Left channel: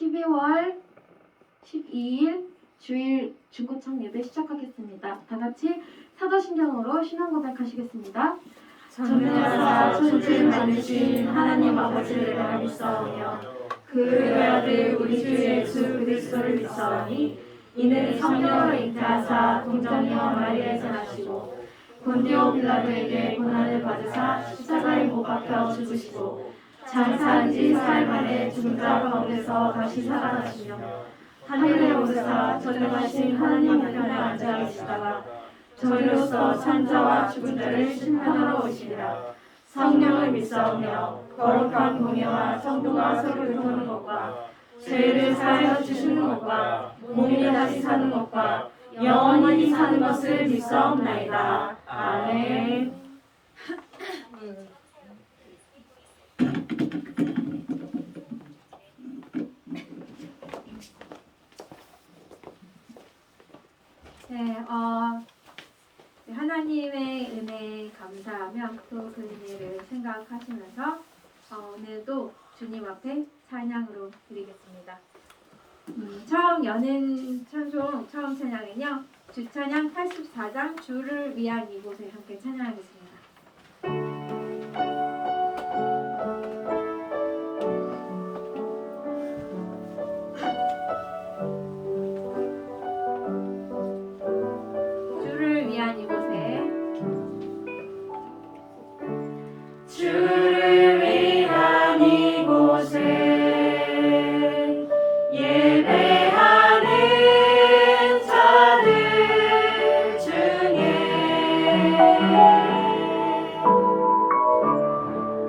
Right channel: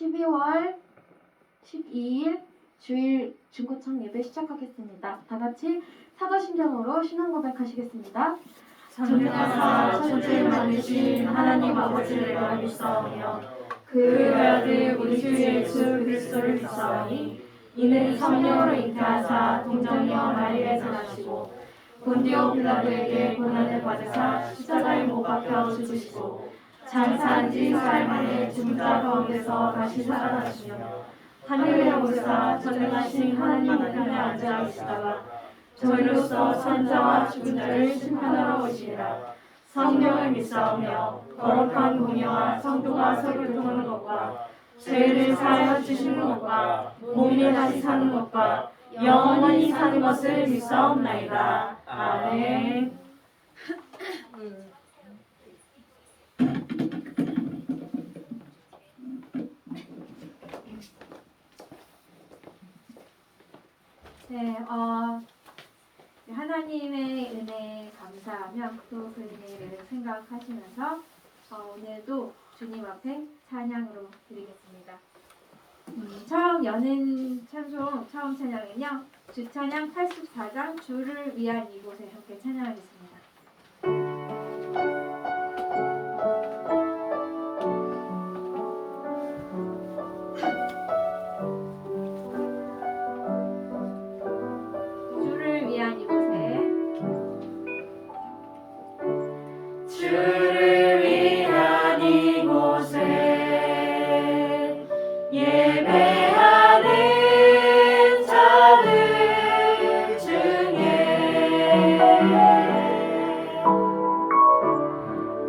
12월 12일 주일 중고청 예배 시작하겠습니다. 다 같이 사도신경으로 신앙 고백하시겠습니다. 전능하사 천지를 만드신 하나님 아버지를 내가 믿사오며 그 외아들 우리 주 예수 그리스도를 믿사오니 이는 성령으로 잉태하사 동정녀 마리아에서 나시고 본디오 빌라도에게 고난을 받으사 십자가에 못 박혀 죽으시고 장사한 지 4일 만에 죽은 자 가운데서 다시 살아나시며 하늘에 오르사 전능하신 하나님 우편에 앉아 계시다가 저희로서 산 자와 죽은 자를 심판하러 오시리라. 성령을 믿사오며 거룩한 공예와 성도가 서교통하는 것과 죄를 사하여 주시는 것과 몸이 다시 사는 것과 영원히 사는 것을 믿사옵나이다. 아멘. 네, 하나님의 은혜에 감사하며 또 그리스도를 생각하시면서 오늘도 주님 앞에 찬양으로 드리겠습니다. 처음 여는 찬송 처음 찬양은요, 주찬양 84장 주를 위한 이곳에 함께 찬양하겠습니다. 주를 위한 이곳에 주를 위한 이곳에 예배하는 자들 중에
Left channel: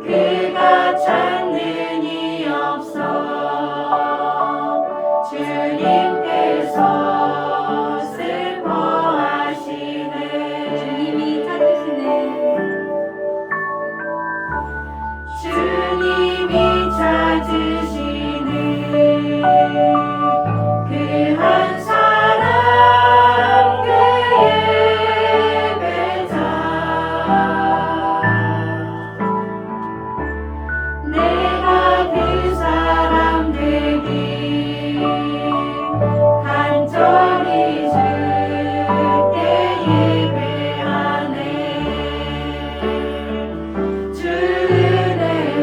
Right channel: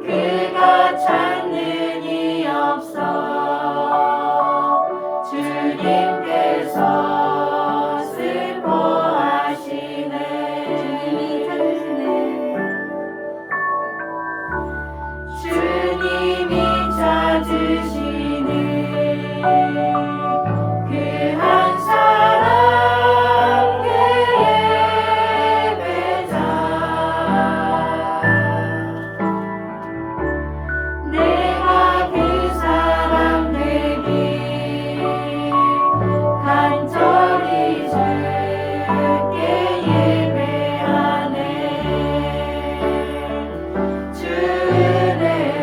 그가 찾는 이 없어 주님께서 슬퍼하시네. 주님이 찾으시는 그 한 사람 그 예배자 내가 그 사람 되기 간절히 주께 예배하네. 주 은혜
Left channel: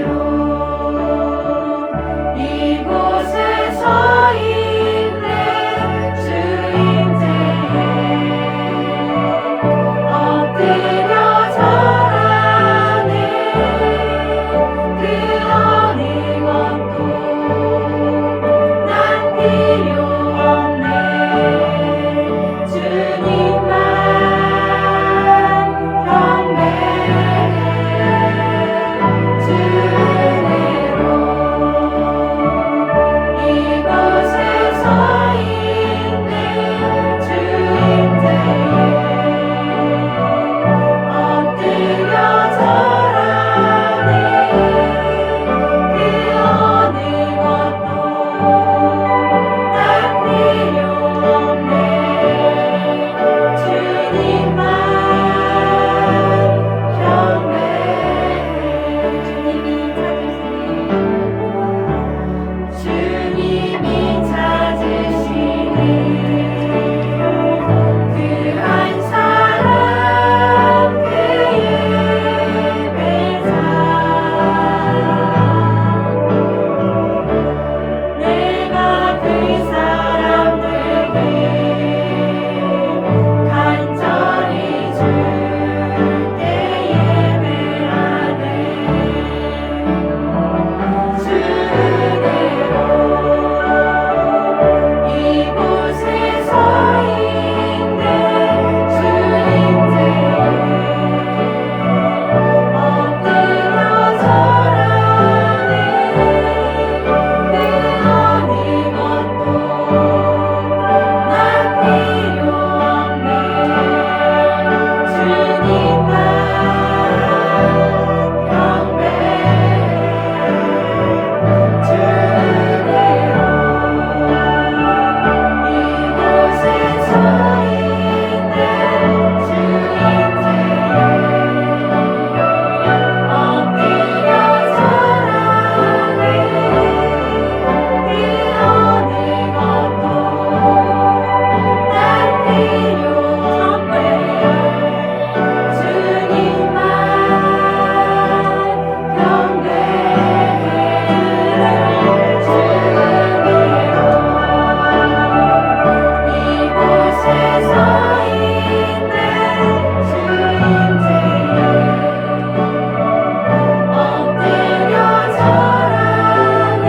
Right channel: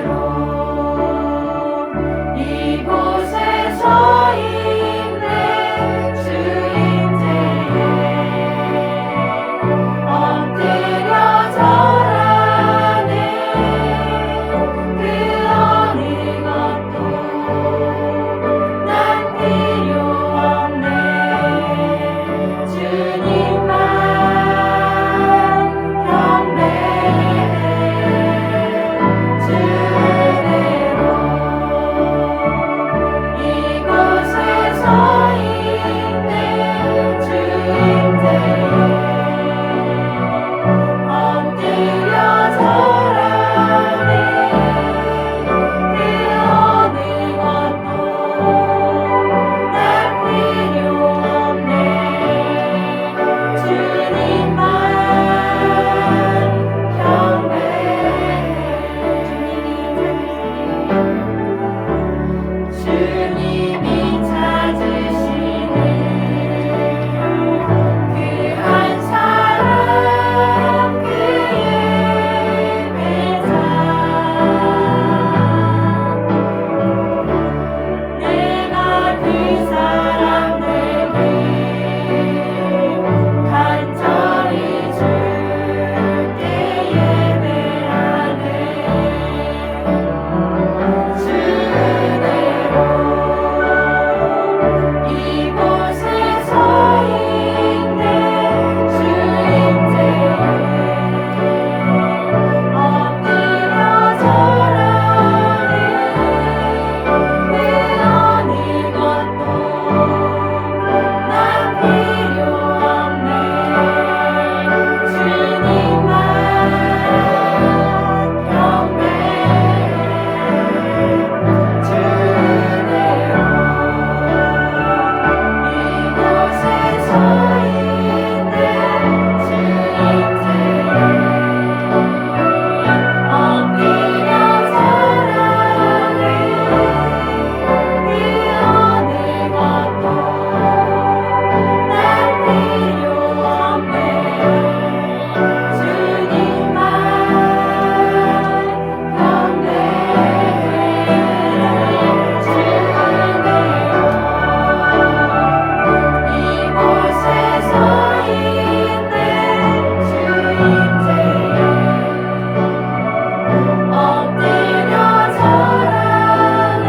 엎드려 절하네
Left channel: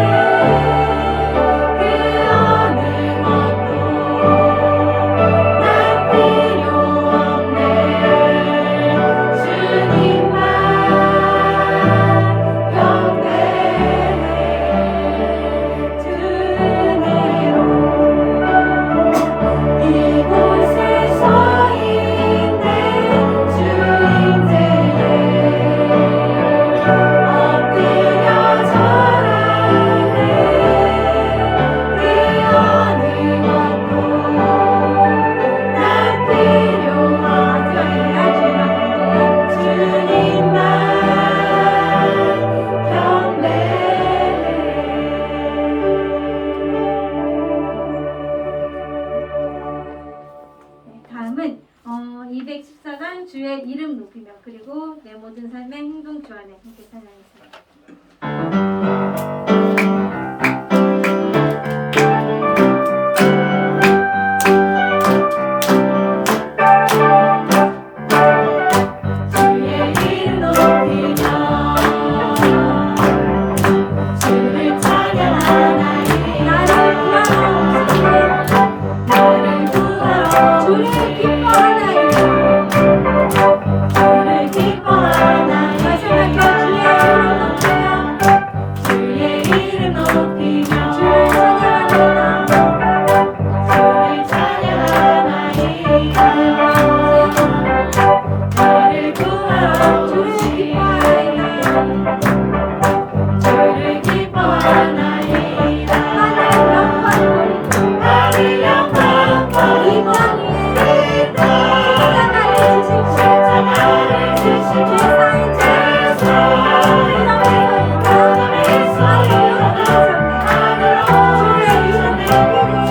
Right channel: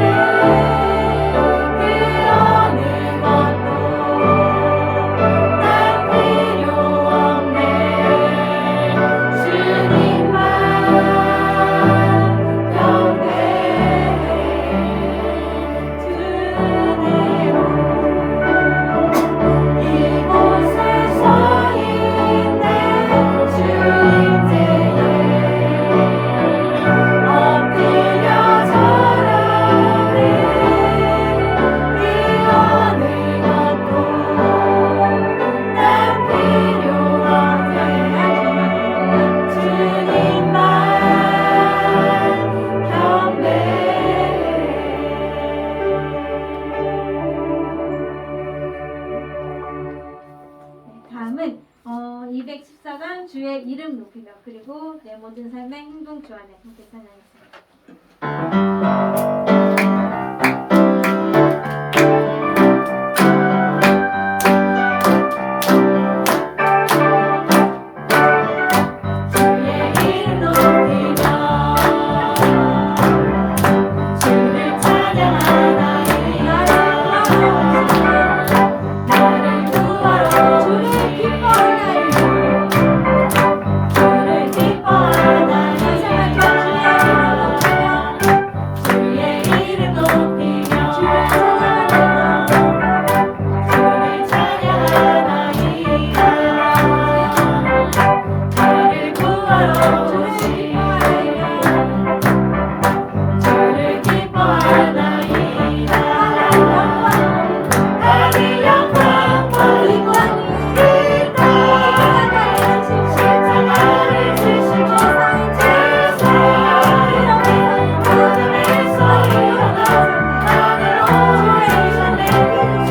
그 어느 것도 난 필요 없네 주님만 경배해 주 은혜로 이곳에 서 있네 주 임재에 엎드려 절하네 그 어느 것도 난 필요 없네 주님만 경배해. 다음은 214장 주의 이름 높이며 그리고 내 모든 삶의 행동 주 안에 함께 찬양하겠습니다. 주의 이름 높이며 주를 찬양하나이다 나를 구하러 주를 기뻐하나이다. 주를 기뻐하나이다 주의 이름 높이며 주를 찬양하나이다 나를 구하러 오시니 주를 기뻐하나이다 하늘 영광 버리고 이 땅에 십자가를 지시고 죄사함 무덤에서 일어나 하늘로 오르시네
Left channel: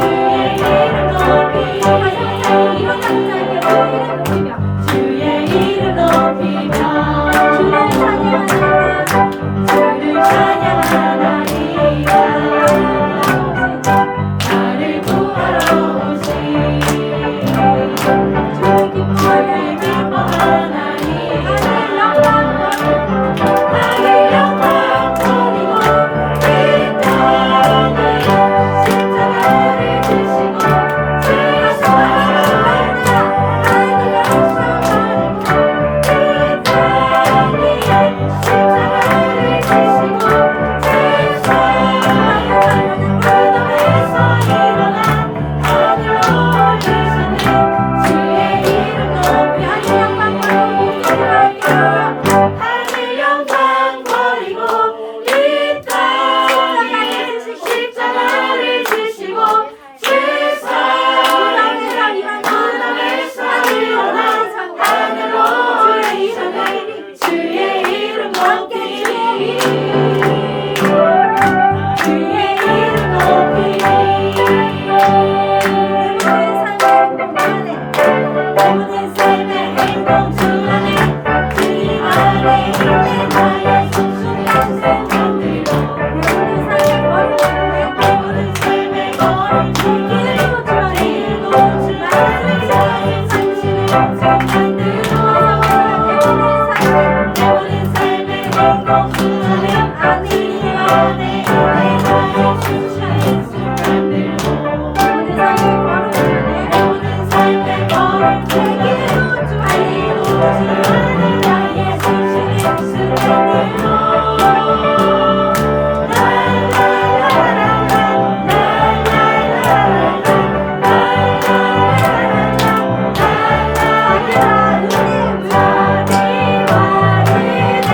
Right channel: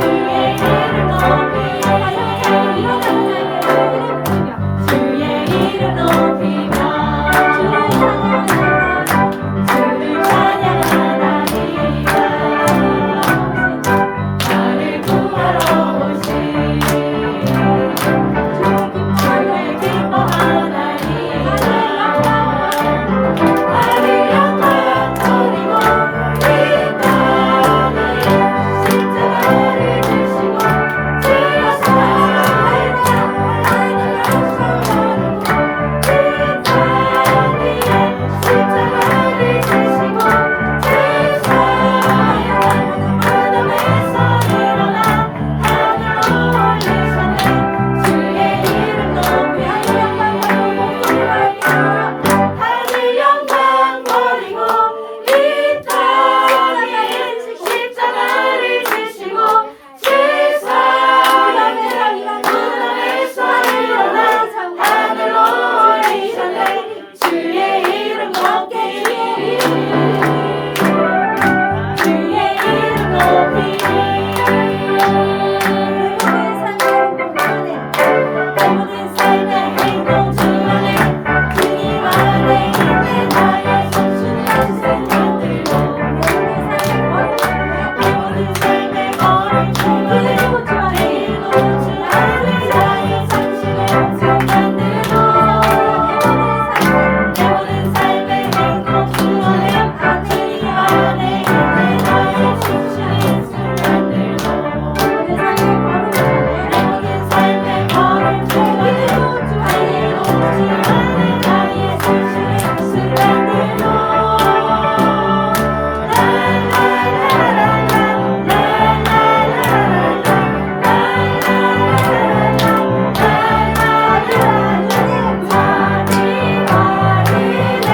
주의 이름 높이 주의 이름 높이며 주를 찬양하나이다 나를 구하러 오신 주를 기뻐하나이다 하늘 영광 버리고 이 땅에 십자가를 지시고 죄사함을 십자가를 지시고 무덤에서 일어나 하늘로 올리셨네 주의 이름 높이 하늘 영광 버리고 이 땅에 십자가를 지시고 무덤에서 일어나 하늘로 올리셨네 주의 이름 높이 주의 이름 높이 내 모든 삶의 행동 주 안에 주님 안에 있는 나의 속순한 생각들도 내 모든 삶의 걸음 주 안에 내일도 주 안에 나의 상심의 생각들도 내 모든 삶의 행동 주 안에 주님 안에 있는 나의 속순한 생각들도 내 모든 삶의 걸음 주 안에 달리는 주 안에 나의 속순한 순간들도 자비와 은혜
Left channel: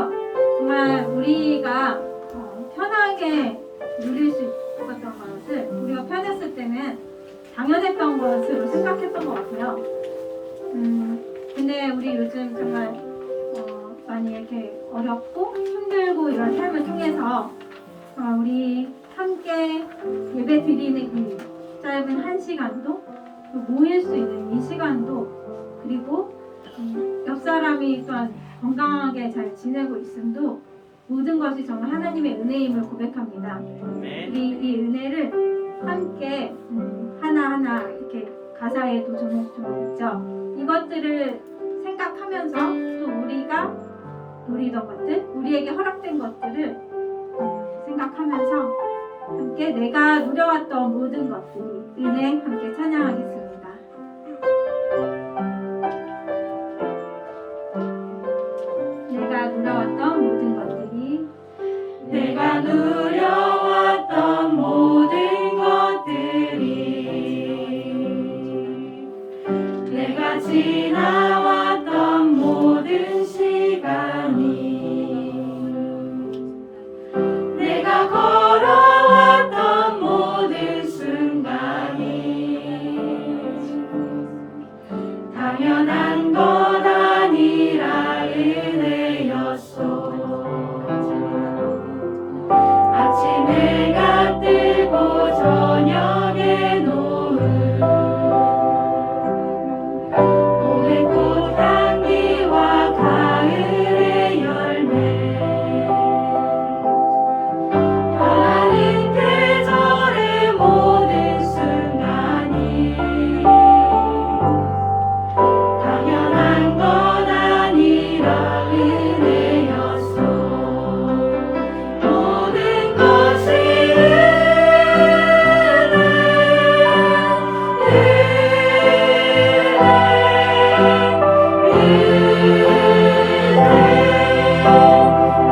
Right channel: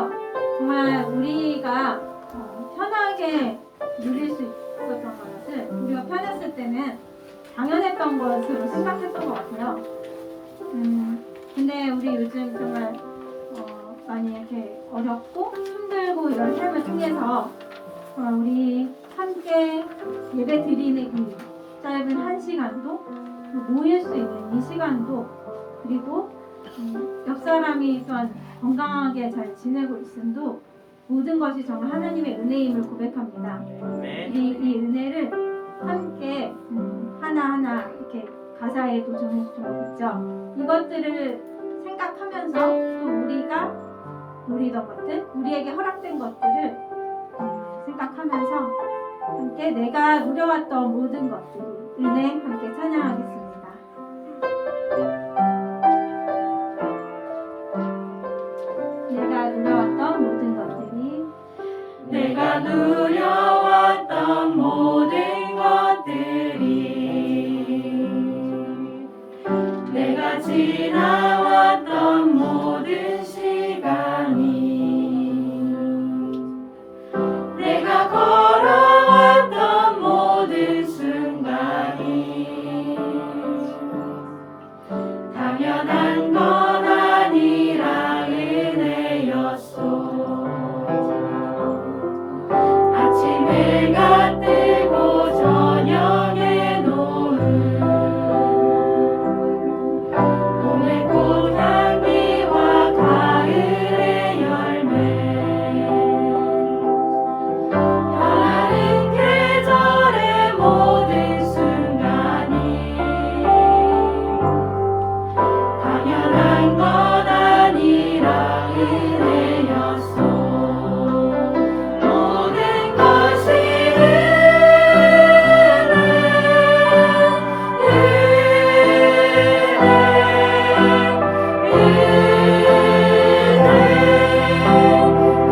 통해서 정말 우리가 편하게 누릴 수 있었던 것을 우리가 편했을 때는 당연했던 것으로 생각했던 것 같아요. 근데 우리 요즘 정말 많이 이렇게 어렵고 힘들고 이런 삶을 통해서 우리 함께 예배 드리는 이 짧은 한 시간도 모일 수 있는 이 시간도 그리고 옆 사람이 또한 건강하게 잘 지내고 있음도 모든 것이 정말 하나님의 은혜임을 고백합니다. 이 은혜를 함께 하나하나 이렇게 가사에도 조목조목 있죠. 이것들을 생각하면서 또 우리가 누리던 것들, 우리에게 허락된 것들을 생각하면서 함께 내가 누려왔던 모든 것들이 은혜 함께 찬양하겠습니다. 내가 누려왔던 모든 것들이 내가 누려왔던 모든 것들이 내가 지나왔던 모든 시간이 내가 걸어왔던 모든 순간이 당연한 것 아니라 은혜였소. 아침 해가 뜨고 저녁에 노을 봄의 꽃향기와 가을의 열매 변하는 계절의 모든 순간이 당연한 것 아니라 은혜였소. 모든 것이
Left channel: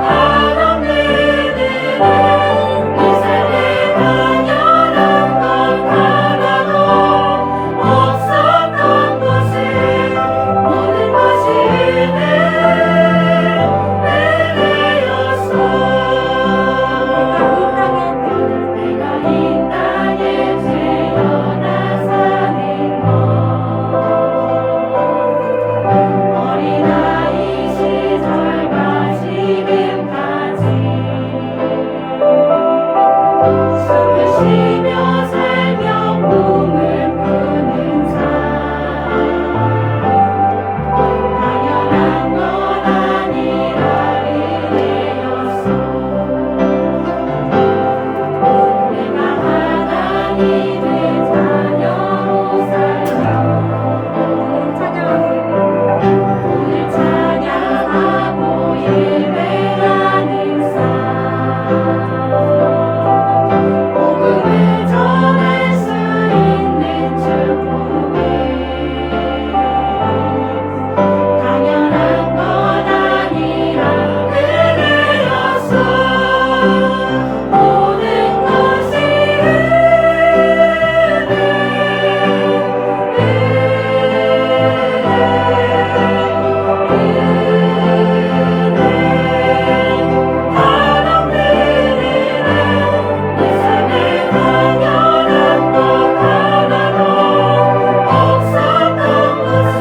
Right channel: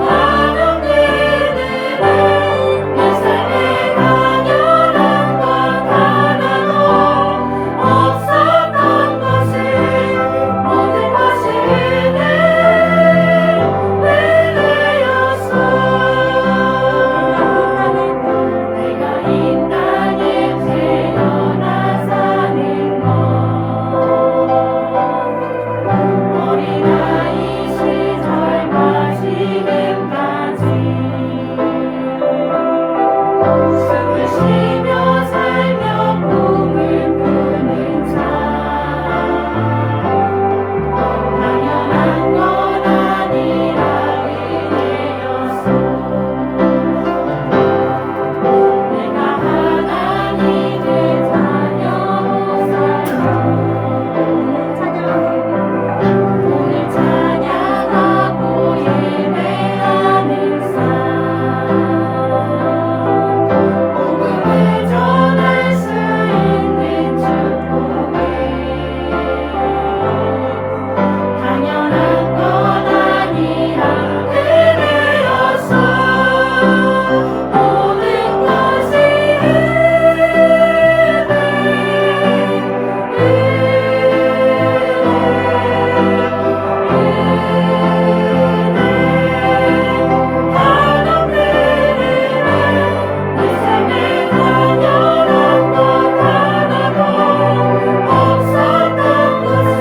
한없는 은혜 내 삶에 당연한 것 하나도 없었던 것을 모든 것이 은혜였소. 내가 이 땅에 태어나 사는 것 어린아이 시절과 지금까지 숨을 쉬며 살며 꿈을 꾸는 삶 당연한 것 아니라 은혜였소. 내가 하나님을 자녀로 살며 오늘 찬양하고 예배하는 삶 복음을 전할 수 있는 축복이 당연한 것 아니라 은혜였소. 모든 것이 한없는 은혜 내 삶에 당연한 것 하나도 없었던 것을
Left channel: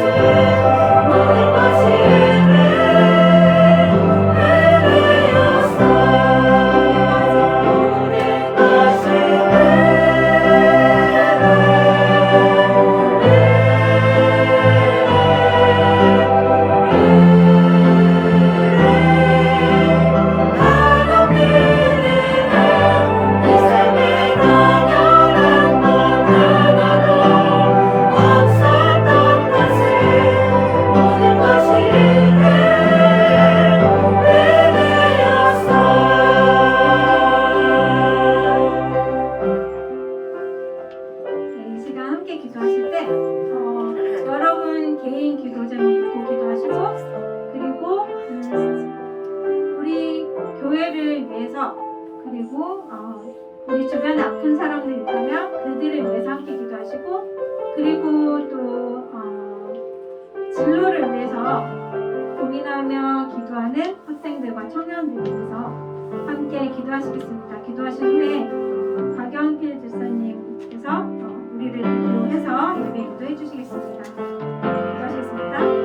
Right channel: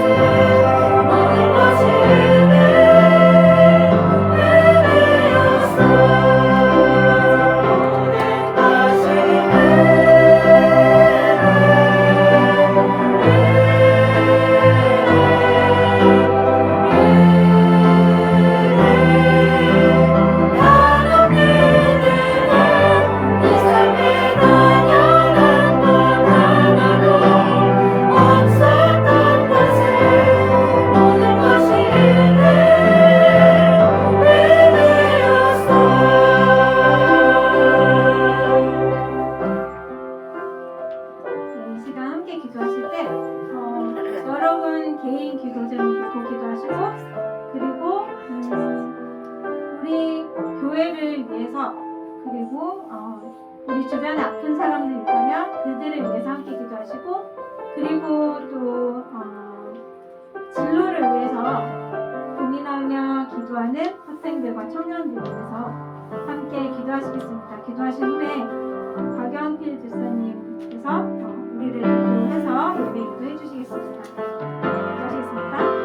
모든 것이 은혜였소. 모든 것이 한없는 은혜 내 삶에 당연한 것 하나도 없었던 것을 모든 것이 은혜였소. 이 시간 함께 기도하실 때 여러분 개인 기도 제목 읽고 기도하시고 그리고 우리 교회를 위해서 그리고 우리 주변에 아픈 사람들 있다면 그들을 위해서 함께 기도하시고 그리고 또 진로를 위해서 고민하며 기도하는 학생 학생들과 청년들을 위해서 함께 기도하시겠습니다. 기도하신 후에 박영필 집사님께서 우리를 인도해서 예배 인도해 주시겠습니다. 기도하시겠습니다.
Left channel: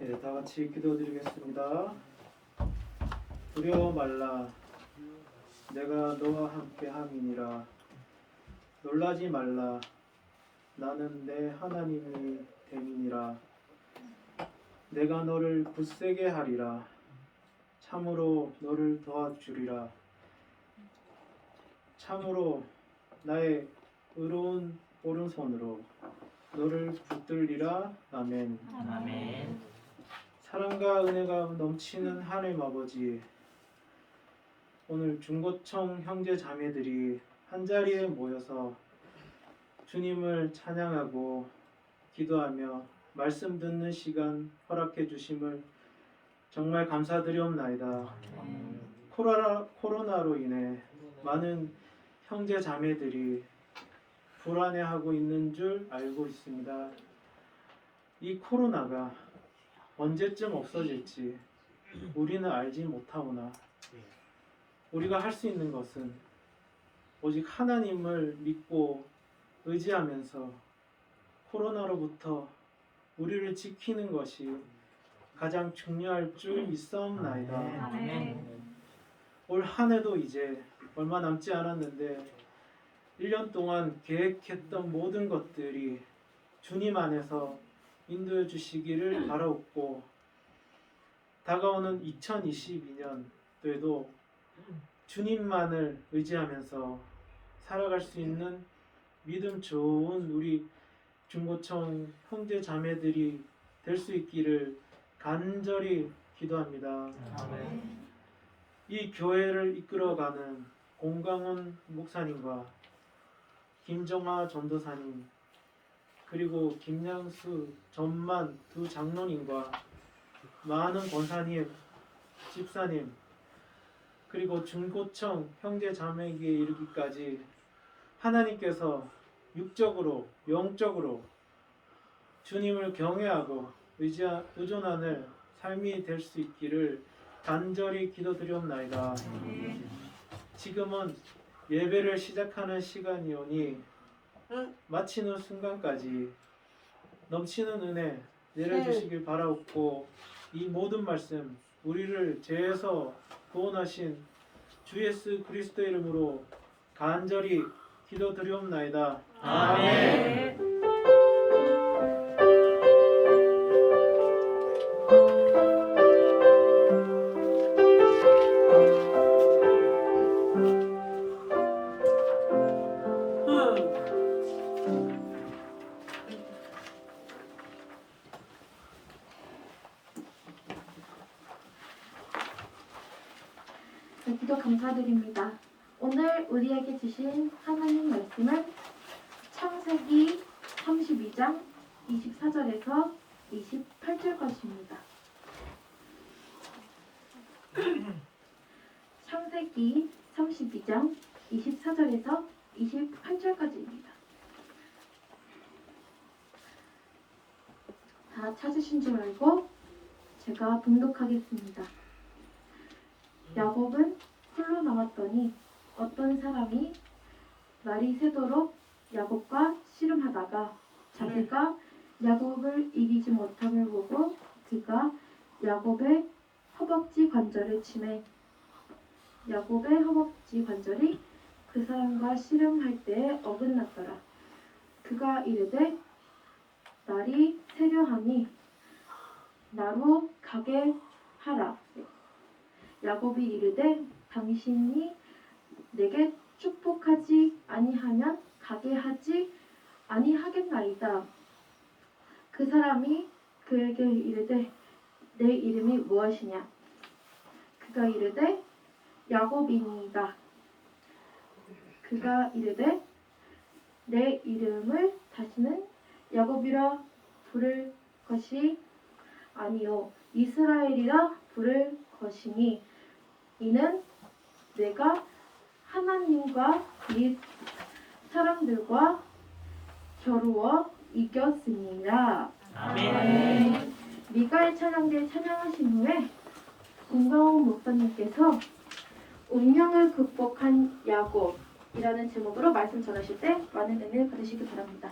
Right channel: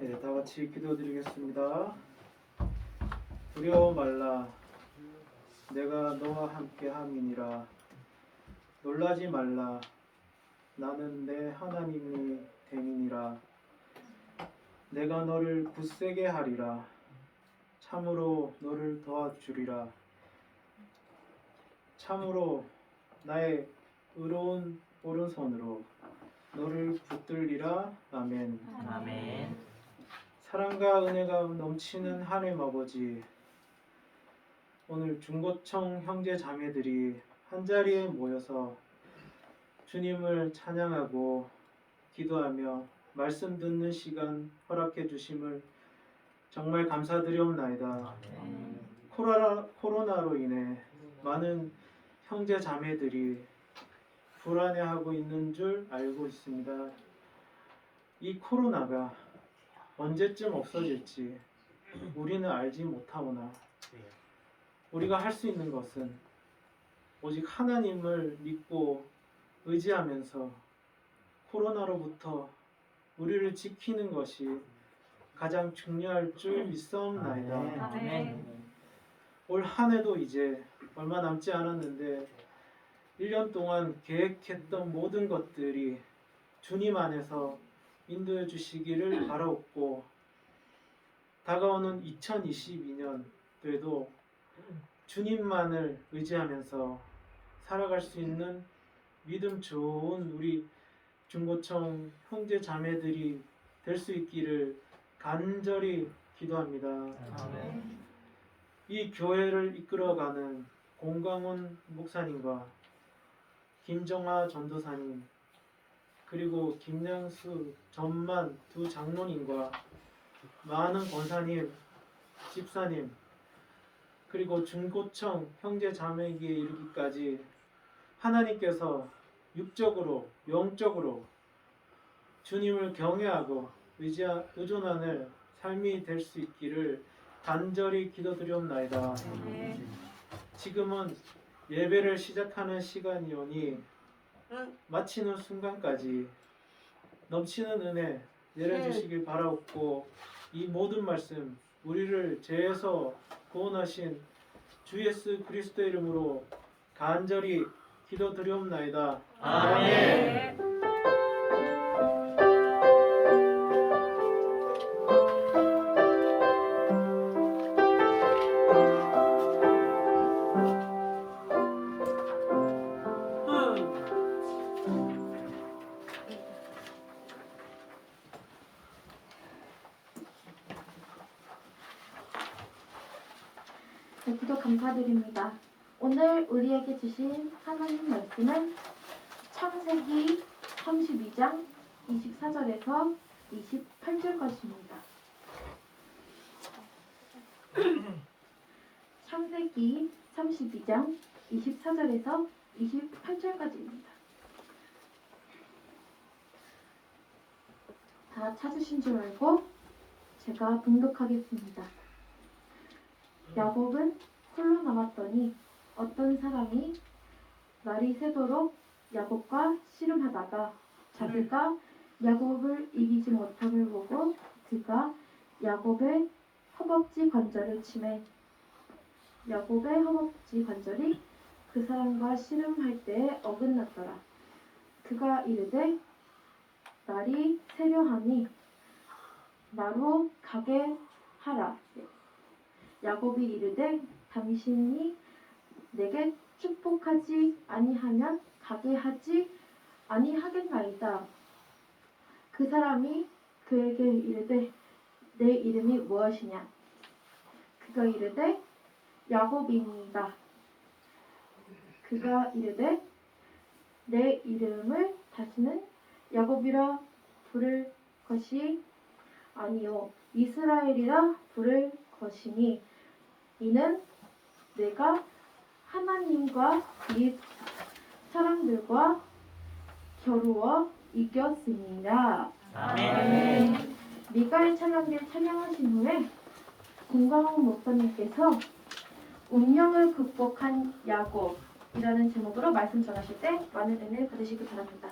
네, 다 같이 기도드리겠습니다. 두려워 말라, 내가 너와 함께 함이니라. 놀라지 말라, 나는 내 하나님이 됨이니라. 내가 너를 굳세게 하리라. 참으로 너를 도와주리라. 참으로 나의 의로운 오른손으로 너를 붙들리라. 아멘. 아멘. 사랑과 은혜가 넘치는 하나님 아버지, 오늘 중고청 형제 자매들이 한자리에 모여서 주님을 찬양하고 기도하며 말씀 듣는 시간 허락해 주심을 정말 감사드리옵나이다. 코로나로 인해 많은 형제 자매들이 불안해하고 있는 줄 알고 있습니다. 이 코로나가 언제쯤 없어질지 우리는 알지 못하오나 우리가 할 수 있는 것은 오직 하나님을 믿고 의지하면서 코로나로부터 우리를 지키는 것이 가장 중요할 줄 믿사옵나이다. 아멘. 올 한 해도 이제 얼마 남지 않았는데 1년 동안 계획했던 모든 것들이 주님 안에서 인도해 주시기를 바라옵고, 다가오는 2022년도에도 주님만을 의지하면서 살아갈 수 있는 믿음 좋은 우리 중고청 형제 자매들이 될 수 있기를 간절히 기도합니다. 아멘. 이 교회를 이끌어가는 공광훈 목사님과 김정아 전도사님, 그리고 김양수 전만 두 장로님과 많은 권사님, 집사님, 그리고 중고청 형제 자매에게 이르기까지 하나님께서 육적으로 영적으로 주님을 경외하고 의존하는 삶이 될 수 있기를 간절히 기도드리옵나이다. 지금은 예배를 시작하는 시간이오니 마치는 순간까지 넘치는 은혜 내려주시길 바라옵고, 이 모든 말씀 우리를 죄에서 구원하신 주 예수 그리스도 이름으로 간절히 기도드리옵나이다. 아멘. 네, 구독 감사드립니다. 오늘 우리에게 주신 하나님 말씀은 창세기 32장 24절에서 28절까지입니다. 창세기 32장 24절에서 28절까지입니다. 다 찾으신 줄 알고 제가 봉독하겠습니다. 야곱은 홀로 남았더니 어떤 사람이 날이 새도록 야곱과 씨름하다가 자기가 야곱을 이기지 못함을 보고 그가 야곱의 허벅지 관절을 치매 야곱의 허벅지 관절이 그 사람과 씨름할 때에 어긋났더라. 그가 이르되 날이 새려하니 나로 가게 하라. 야곱이 이르되 당신이 내게 축복하지 아니하면 가게 하지 아니하겠나이다. 그 사람이 그에게 이르되 내 이름이 무엇이냐? 그가 이르되 야곱이니이다. 그가 이르되 내 이름을 다시는 야곱이라 부를 것이 아니요 이스라엘이라 부를 것이니 이는 내가 하나님과 및 사람들과 겨루어 이겼음이라. 아멘. 미가의 찬양들 찬양하신 후에 공광훈 목사님께서 운명을 극복한 야곱이라는 제목으로 말씀 전하실 때 많은 은혜 받으시기 바랍니다.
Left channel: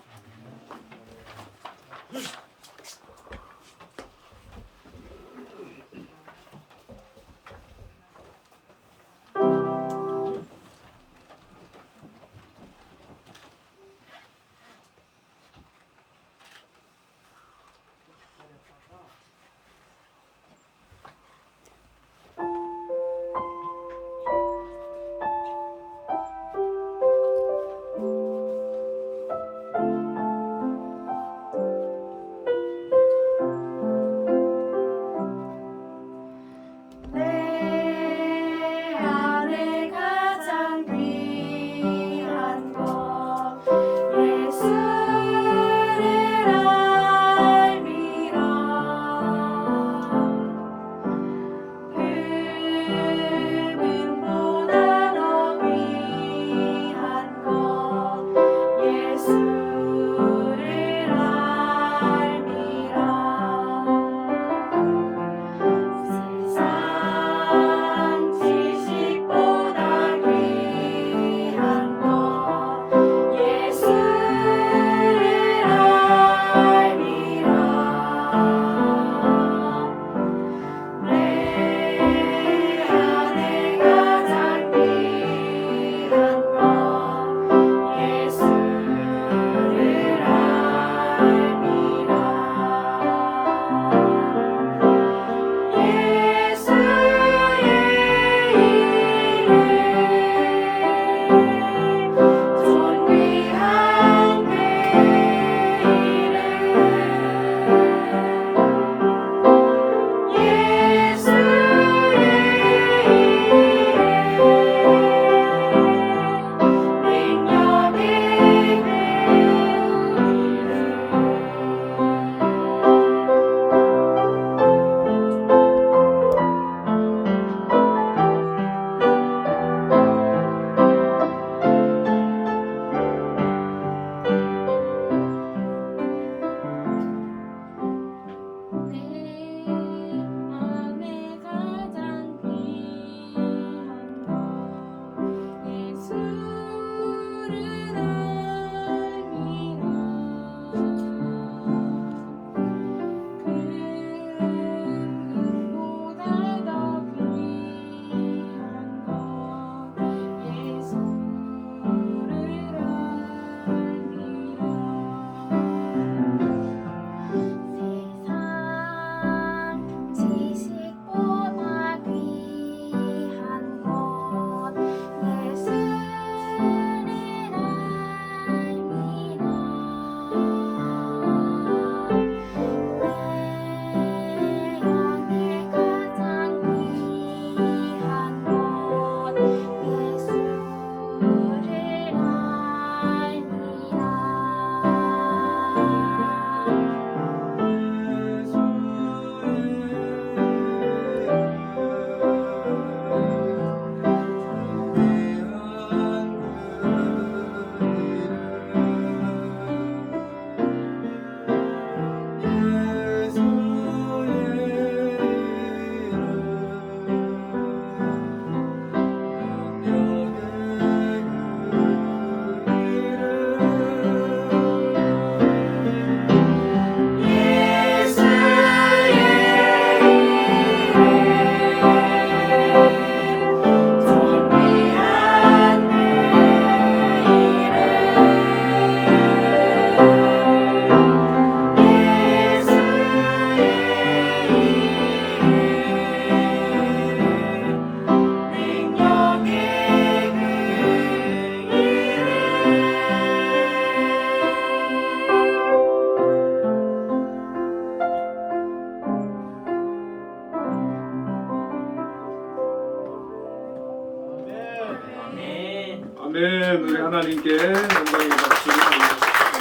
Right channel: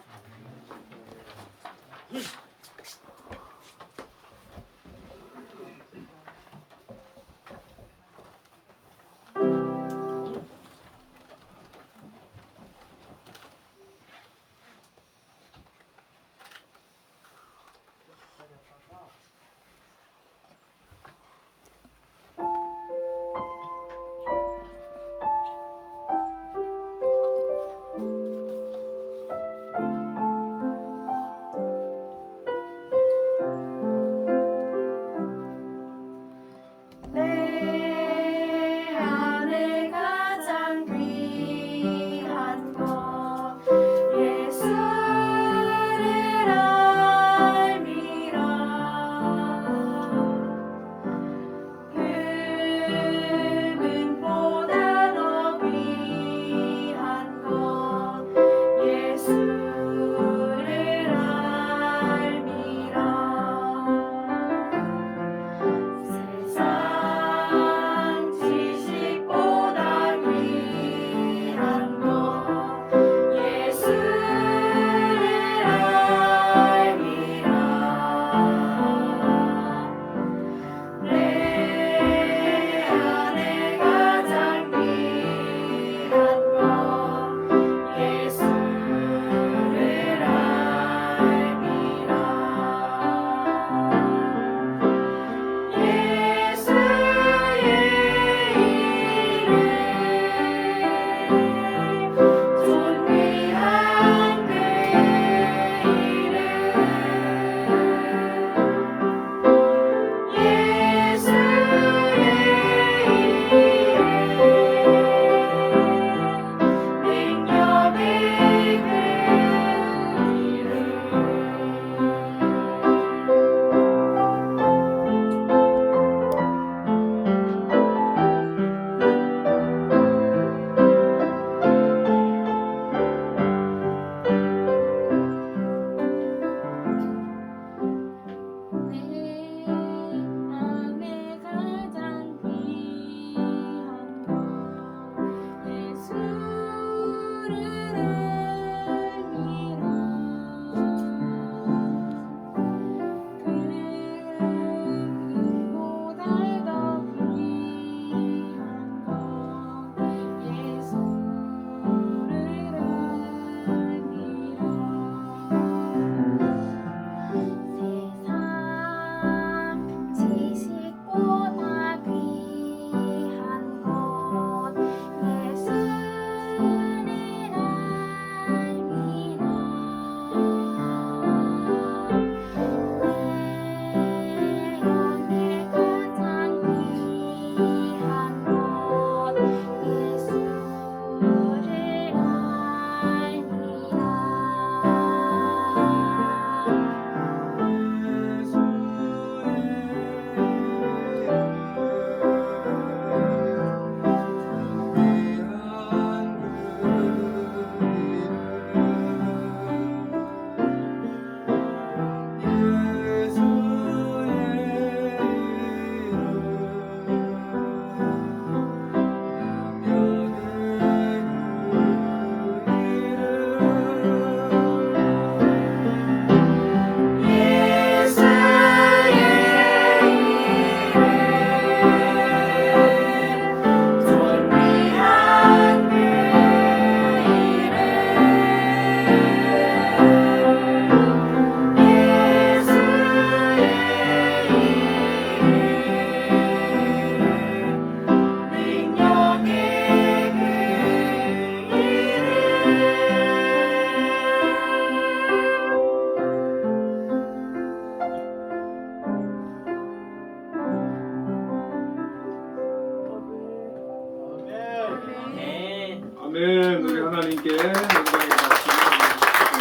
아멘. 우리 하나님께 영광의 말씀 드리겠습니다.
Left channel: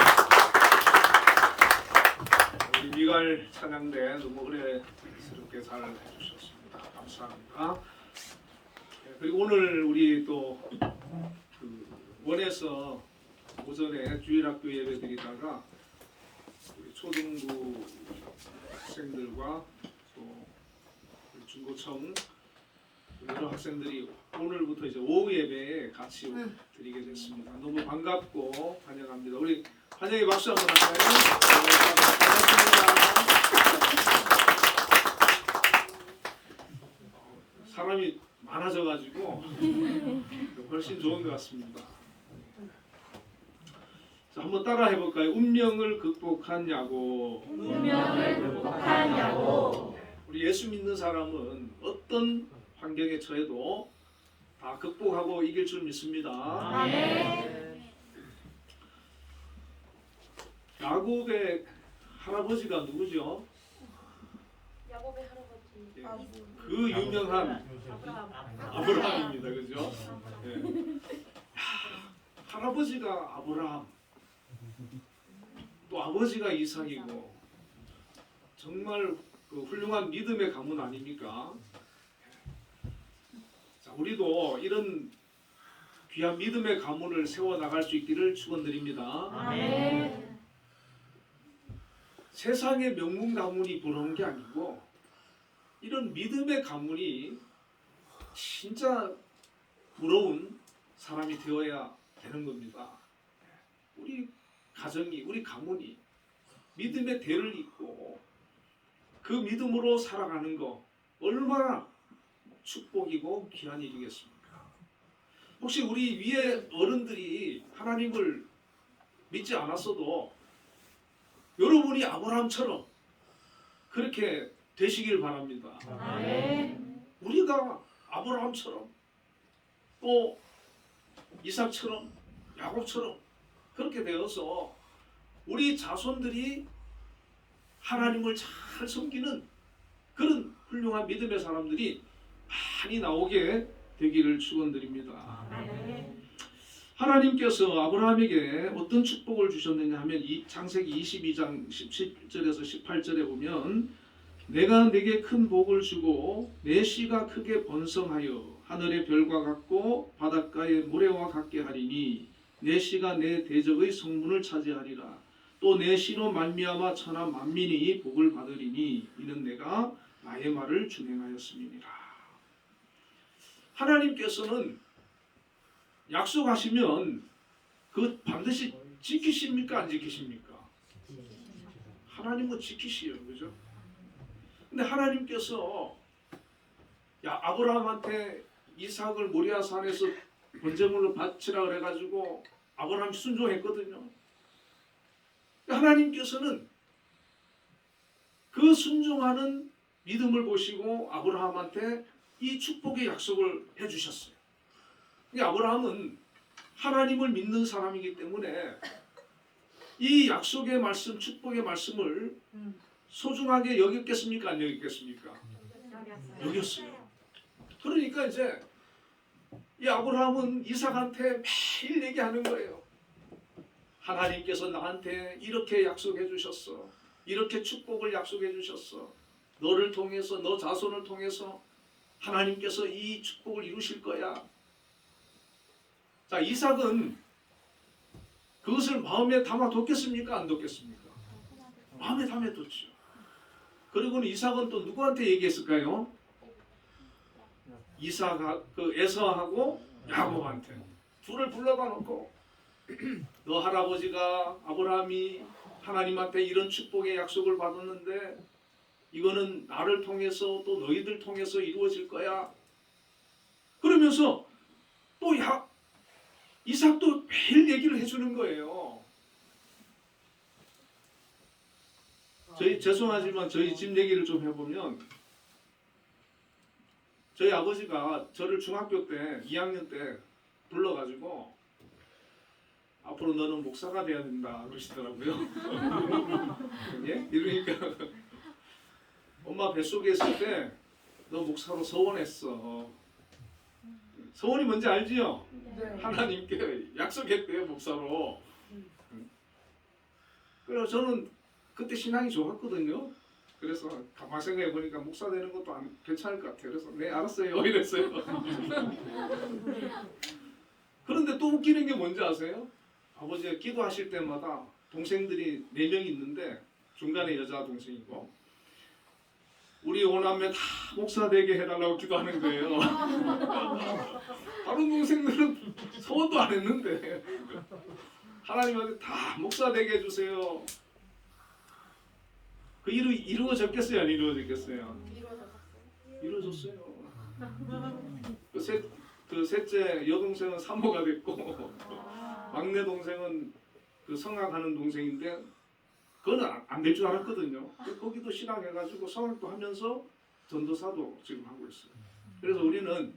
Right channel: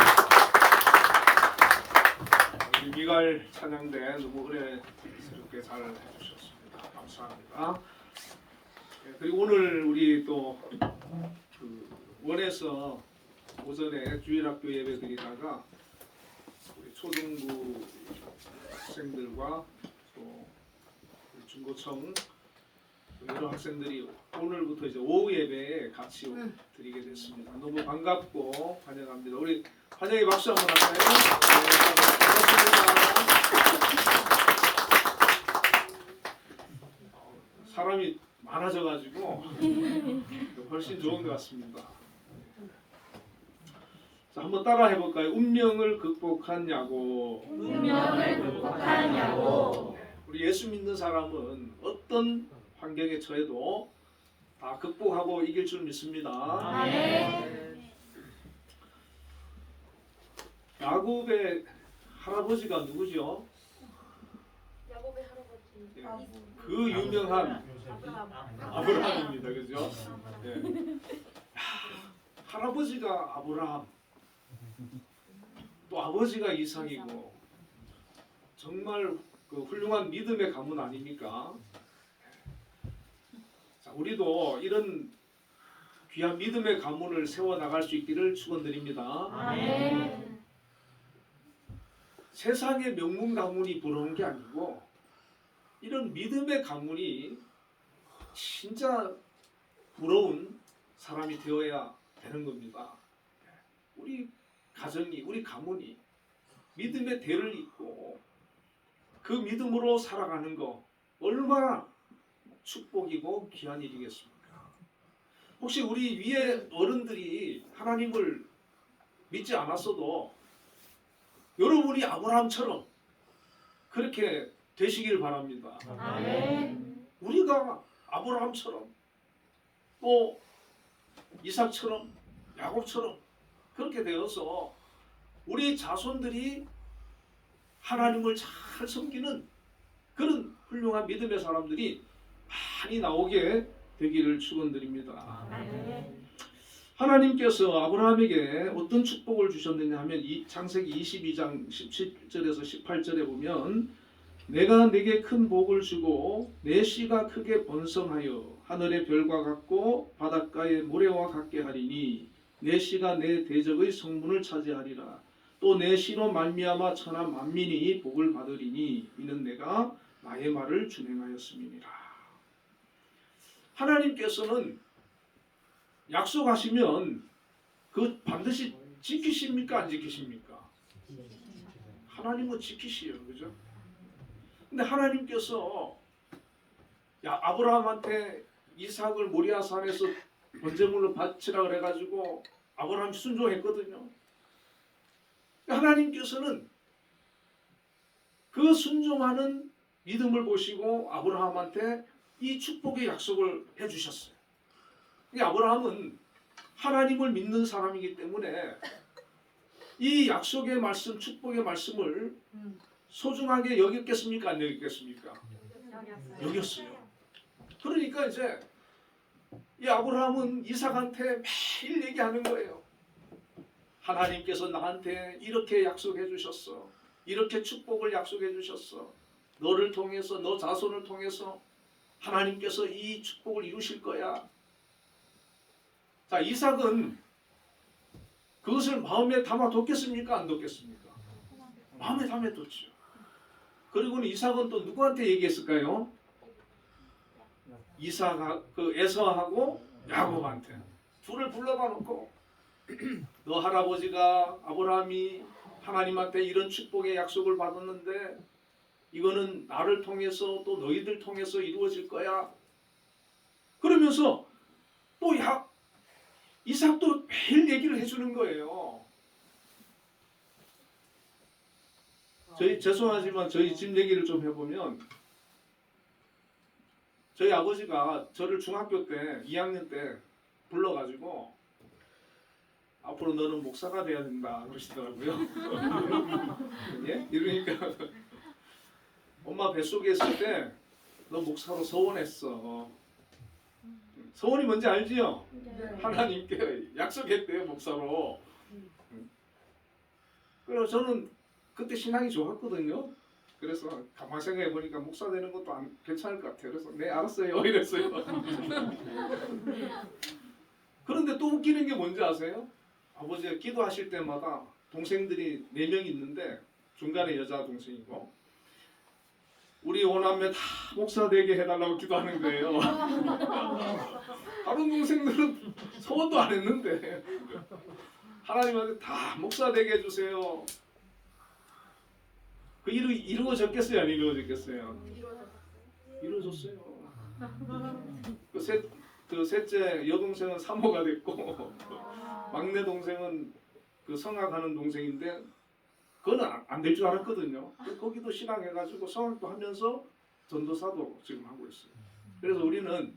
우리 미갈 찬양대 너무 은혜스럽게 잘 해주셨습니다. 감사합니다. 그리고 오늘 우리 또 원에서 오전에 주일학교 예배 드리다가 우리 초등부 학생들과 또 우리 중고청 또 여러 학생들이 오늘부터 이제 오후 예배에 같이 드리게 됐습니다. 너무 반갑고 환영합니다. 우리 환영의 박수 한번 할까요? 반갑습니다. 사람이 많아져가지고 훨씬 좋은 것 같습니다. 자, 한번 따라 해볼까요? 운명을 극복한 야곱. 운명을 극복한 야곱. 우리 예수 믿는 사람은 어떤 환경에 처해도 다 극복하고 이길 줄 믿습니다. 아멘. 야곱의 할아버지가 누구죠? 야곱의 할아버지. 예, 그 유명한 아브라함. 아브라함입니다. 그죠? 예. 할아버지가 아브라함, 또 아버지가 이삭이고 정말 그 훌륭한 믿음의 가문 아닙니까? 자, 우리도 이런 귀한 믿음의 가문을 세워 나갈 수 있기를 축원드립니다. 아멘. 세상의 명문 가문이 부러운 게 아니고 이런 믿음의 가문이 진짜 부러운 사람이 되어야 되는 겁니다. 우리 가정이, 우리 가문이 믿음의 대를 잇고 그 믿음으로 살아가는 거 얼마나 축복이고 귀한 일이겠습니까? 혹시 우리 위에 어른들이 하나님을 믿지 않았어도 여러분이 아브라함처럼 그렇게 되시길 바랍니다. 아멘. 우리가 아브라함처럼 또 이삭처럼 야곱처럼 그렇게 되어서 우리 자손들이 하나님을 잘 섬기는 그런 훌륭한 믿음의 사람들이 많이 나오게 되기를 축원드립니다. 아멘. 하나님께서 아브라함에게 어떤 축복을 주셨느냐 하면 창세기 22장 17절에서 18절에 보면 내가 내게 큰 복을 주고 내 씨가 크게 번성하여 하늘의 별과 같고 바닷가의 모래와 같게 하리니 내 씨가 내 대적의 성문을 차지하리라. 또 내 씨로 말미암아 천하 만민이 복을 받으리니 이는 내가 나의 말을 준행하였음이니라. 하나님께서는 약속하시면 그 반드시 지키십니까 안 지키십니까? 하나님은 지키시요, 그죠? 근데 하나님께서 아브라함한테 이삭을 모리아 산에서 번제물로 바치라 그래가지고 아브라함이 순종했거든요. 하나님께서는 그 순종하는 믿음을 보시고 아브라함한테 이 축복의 약속을 해주셨어요. 아브라함은 하나님을 믿는 사람이기 때문에 이 약속의 말씀, 축복의 말씀을 소중하게 여겼겠습니까? 안 여겼겠습니까? 여겼어요. 그러니까 이제 이 아브라함은 이삭한테 매일 얘기하는 거예요. 하나님께서 나한테 이렇게 약속해 주셨어. 이렇게 축복을 약속해 주셨어. 너를 통해서, 너 자손을 통해서 하나님께서 이 축복을 이루실 거야. 자, 이삭은 그것을 마음에 담아뒀겠습니까? 안 뒀겠습니까? 마음에 담아뒀죠. 그리고는 이삭은 또 누구한테 얘기했을까요? 에서하고 야곱한테 둘을 불러다 놓고 너 할아버지가 아브라함이 하나님한테 이런 축복의 약속을 받았는데 이거는 나를 통해서 또 너희들 통해서 이루어질 거야. 그러면서 또 이삭도 매일 얘기를 해주는 거예요. 죄송하지만 저희 집 얘기를 좀 해보면 저희 아버지가 저를 중학교 때 2학년 때 불러가지고 앞으로 너는 목사가 돼야 된다 그러시더라고요. 예? 이러니까 엄마 뱃속에 있을 때 너 목사로 소원했어. 소원이 뭔지 알지요? 하나님께 약속했대요, 목사로. 그래서 저는 그때 신앙이 좋았거든요. 그래서 가만히 생각해 보니까 목사 되는 것도 괜찮을 것 같아요. 그래서 네 알았어요 이랬어요. 그런데 또 웃기는 게 뭔지 아세요? 아버지가 기도하실 때마다 동생들이 4명 있는데 중간에 여자 동생이고 우리 오남매 다 목사 되게 해달라고 기도하는 거예요. 다른 동생들은 소원도 안 했는데 하나님한테 다 목사 되게 해주세요. 그 이루어졌겠어요? 안 이루어졌겠어요? 이루어졌어요. 그 셋째 여동생은 사모가 됐고 막내 동생은 그 성악하는 동생인데 그건 안 될 줄 알았거든요. 거기도 신앙해가지고 성악도 하면서 전도사도 지금 하고 있어요. 그래서 우리는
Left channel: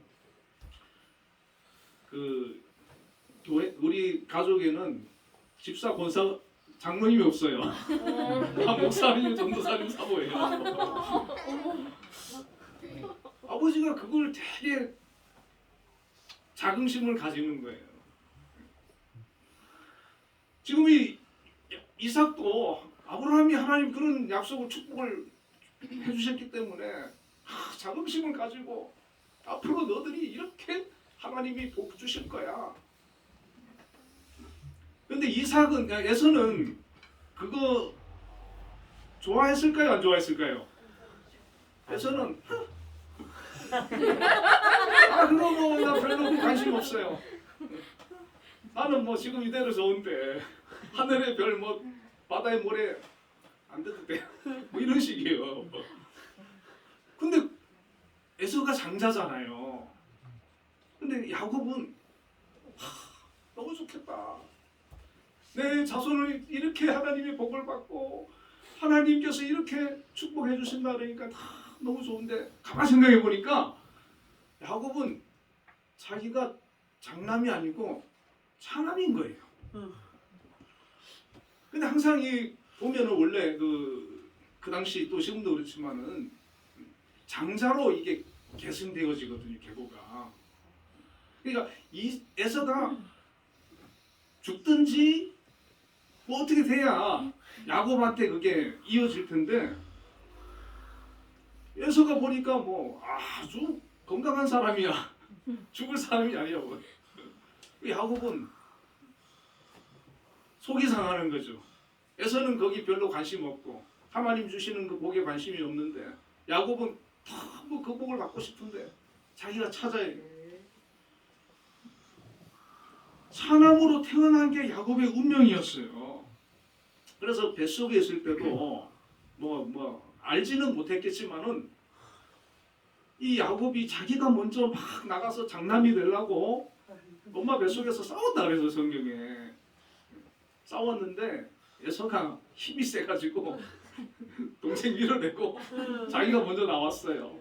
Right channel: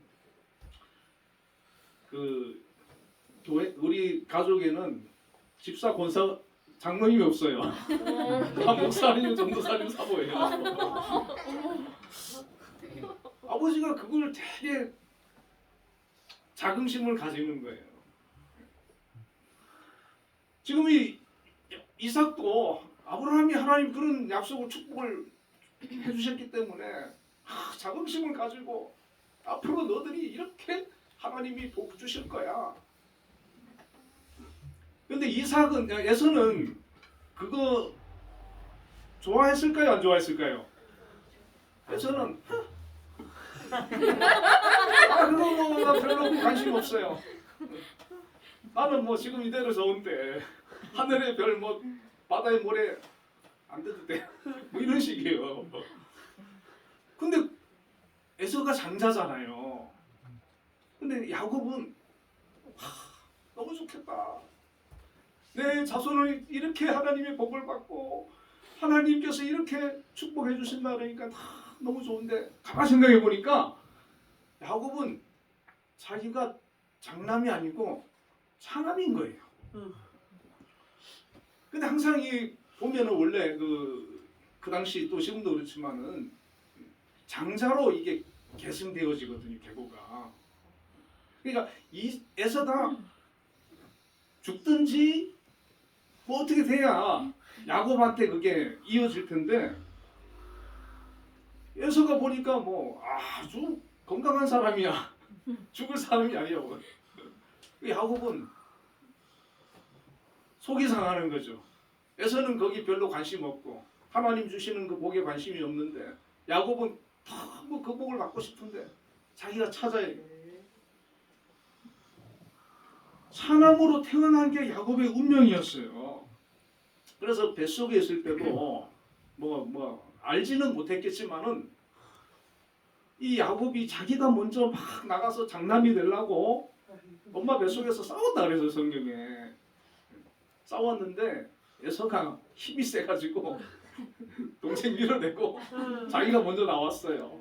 그 교회 우리 가족에는 집사 권사 장로님이 없어요. 다 목사님, 전도사님, 사모예요. 아버지가 그걸 되게 자긍심을 가지는 거예요. 지금 이삭도 아브라함이 하나님 그런 약속을 축복을 해주셨기 때문에 자긍심을 가지고 앞으로 너들이 이렇게 하나님이 복 주실 거야. 근데 에서는 그거 좋아했을까요? 안 좋아했을까요? 에서는 그거 뭐 나 별로 관심 없어요. 나는 뭐 지금 이대로 좋은데 하늘의 별 뭐 바다의 모래 안 돼도 돼. 뭐 이런 식이에요. 근데 에서가 장자잖아요. 근데 야곱은 너무 좋겠다. 내 자손을 이렇게 하나님의 복을 받고 하나님께서 이렇게 축복해 주신다 그러니까 다 너무 좋은데 가만히 생각해 보니까 야곱은 자기가 장남이 아니고 차남인 거예요. 근데 항상 보면은 원래 그 당시 또 지금도 그렇지만은 장자로 이게 계승되어지거든요, 계보가. 그러니까 이 에서가 죽든지 뭐 어떻게 돼야 야곱한테 그게 이어질 텐데 에서가 보니까 뭐 아주 건강한 사람이야. 죽을 사람이 아니라고. 야곱은 속이 상하는 거죠. 에서는 거기 별로 관심 없고 하나님 주시는 그 복에 관심이 없는데 야곱은 너무 그 복을 받고 싶은데 자기가 찾아야 돼. 사남으로 태어난 게 야곱의 운명이었어요. 그래서 뱃속에 있을 때도 뭐 알지는 못했겠지만은 이 야곱이 자기가 먼저 막 나가서 장남이 되려고 엄마 뱃속에서 싸웠다 그래서 성경에 싸웠는데 에서가 힘이 세가지고 동생 밀어내고 자기가 먼저 나왔어요.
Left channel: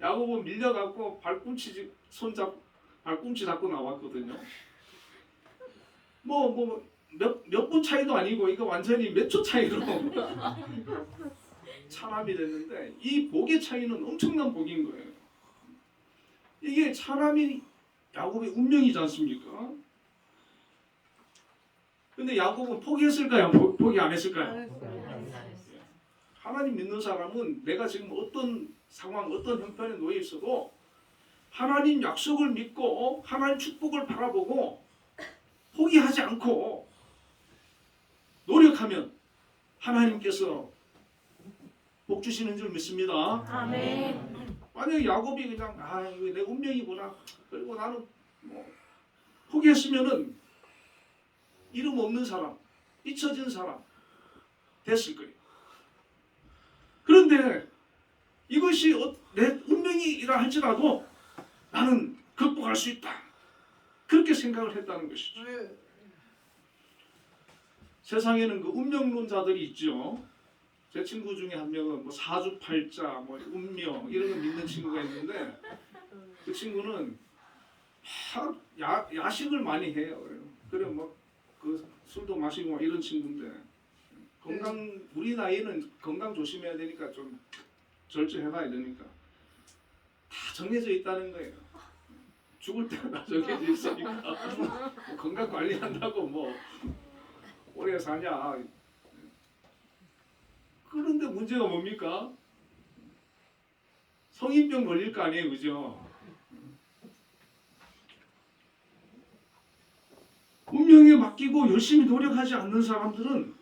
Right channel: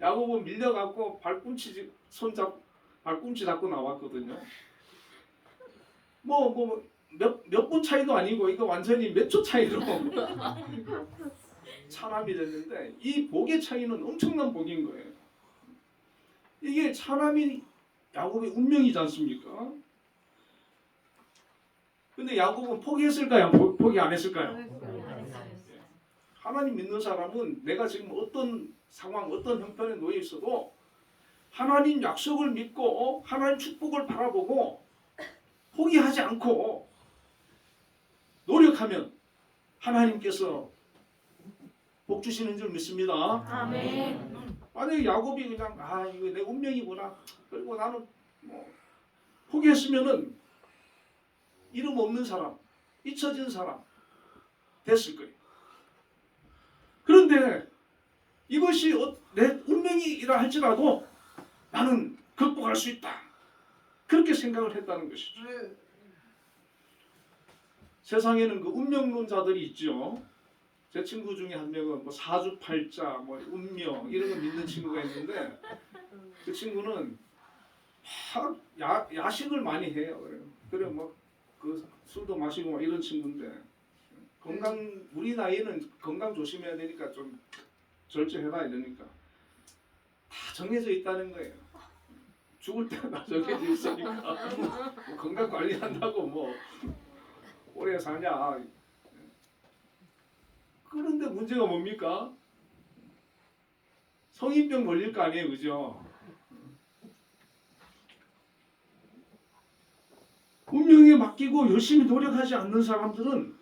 야곱은 밀려갖고 발꿈치 잡고 나왔거든요. 몇 분 차이도 아니고 이거 완전히 몇 초 차이로 차남이 됐는데 이 복의 차이는 엄청난 복인 거예요. 이게 차남이 야곱의 운명이지 않습니까? 근데 야곱은 포기했을까요? 포기 안 했을까요? 하나님 믿는 사람은 내가 지금 어떤 상황, 어떤 형편에 놓여 있어도 하나님 약속을 믿고 하나님 축복을 바라보고 포기하지 않고 노력하면 하나님께서 복 주시는 줄 믿습니다. 아멘. 만약에 야곱이 그냥 이거 내 운명이구나. 그리고 나는 뭐 포기했으면은 이름 없는 사람, 잊혀진 사람 됐을 거예요. 그런데 이것이 내 운명이라 할지라도 나는 극복할 수 있다. 그렇게 생각을 했다는 것이죠. 세상에는 그 운명론자들이 있죠. 제 친구 중에 한 명은 뭐 사주팔자, 뭐 운명 이런 거 믿는 친구가 있는데 그 친구는 야식을 많이 해요. 그래 뭐 그 술도 마시고 이런 친구인데 우리 나이는 건강 조심해야 되니까 좀 절제해봐야 되니까 다 정해져 있다는 거예요. 죽을 때가 정해져 있으니까 뭐 건강 관리한다고 뭐 오래 사냐. 그런데 문제가 뭡니까? 성인병 걸릴 거 아니에요, 그죠? 운명에 맡기고 열심히 노력하지 않는 사람들은,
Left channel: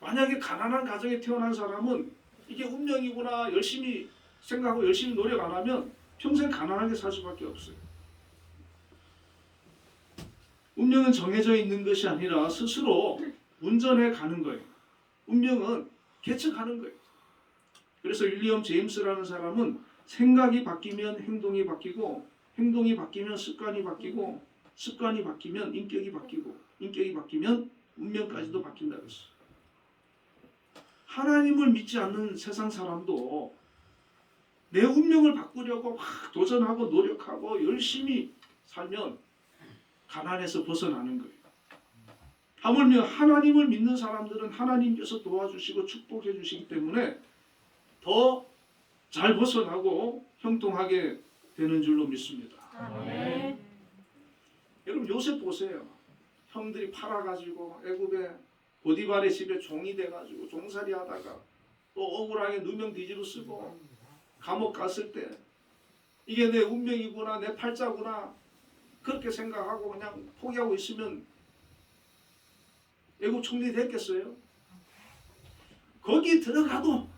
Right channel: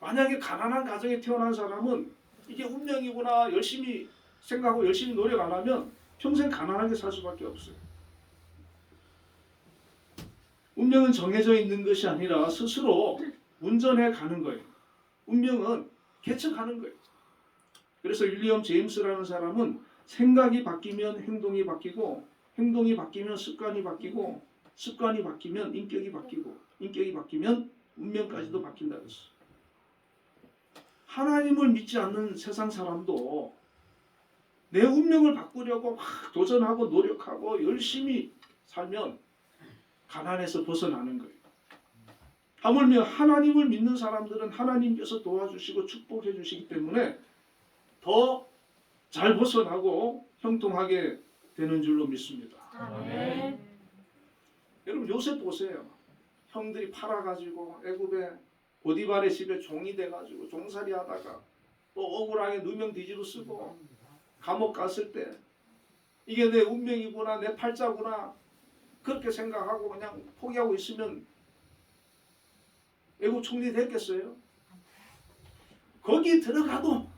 만약에 가난한 가정에 태어난 사람은 이게 운명이구나 열심히 생각하고 열심히 노력 안 하면 평생 가난하게 살 수밖에 없어요. 운명은 정해져 있는 것이 아니라 스스로 운전해 가는 거예요. 운명은 개척하는 거예요. 그래서 윌리엄 제임스라는 사람은 생각이 바뀌면 행동이 바뀌고, 행동이 바뀌면 습관이 바뀌고, 습관이 바뀌면 인격이 바뀌고, 인격이 바뀌면 운명까지도 바뀐다 그랬어요. 하나님을 믿지 않는 세상 사람도 내 운명을 바꾸려고 막 도전하고 노력하고 열심히 살면 가난에서 벗어나는 거예요. 하물며 하나님을 믿는 사람들은 하나님께서 도와주시고 축복해 주시기 때문에 더 잘 벗어나고 형통하게 되는 줄로 믿습니다. 아멘. 여러분 요셉 보세요. 형들이 팔아가지고 애굽에 보디발의 집에 종이 돼가지고 종살이 하다가 또 억울하게 누명 뒤집어 쓰고 감옥 갔을 때 이게 내 운명이구나, 내 팔자구나 그렇게 생각하고 그냥 포기하고 있으면 애굽 총리 됐겠어요? 거기 들어가도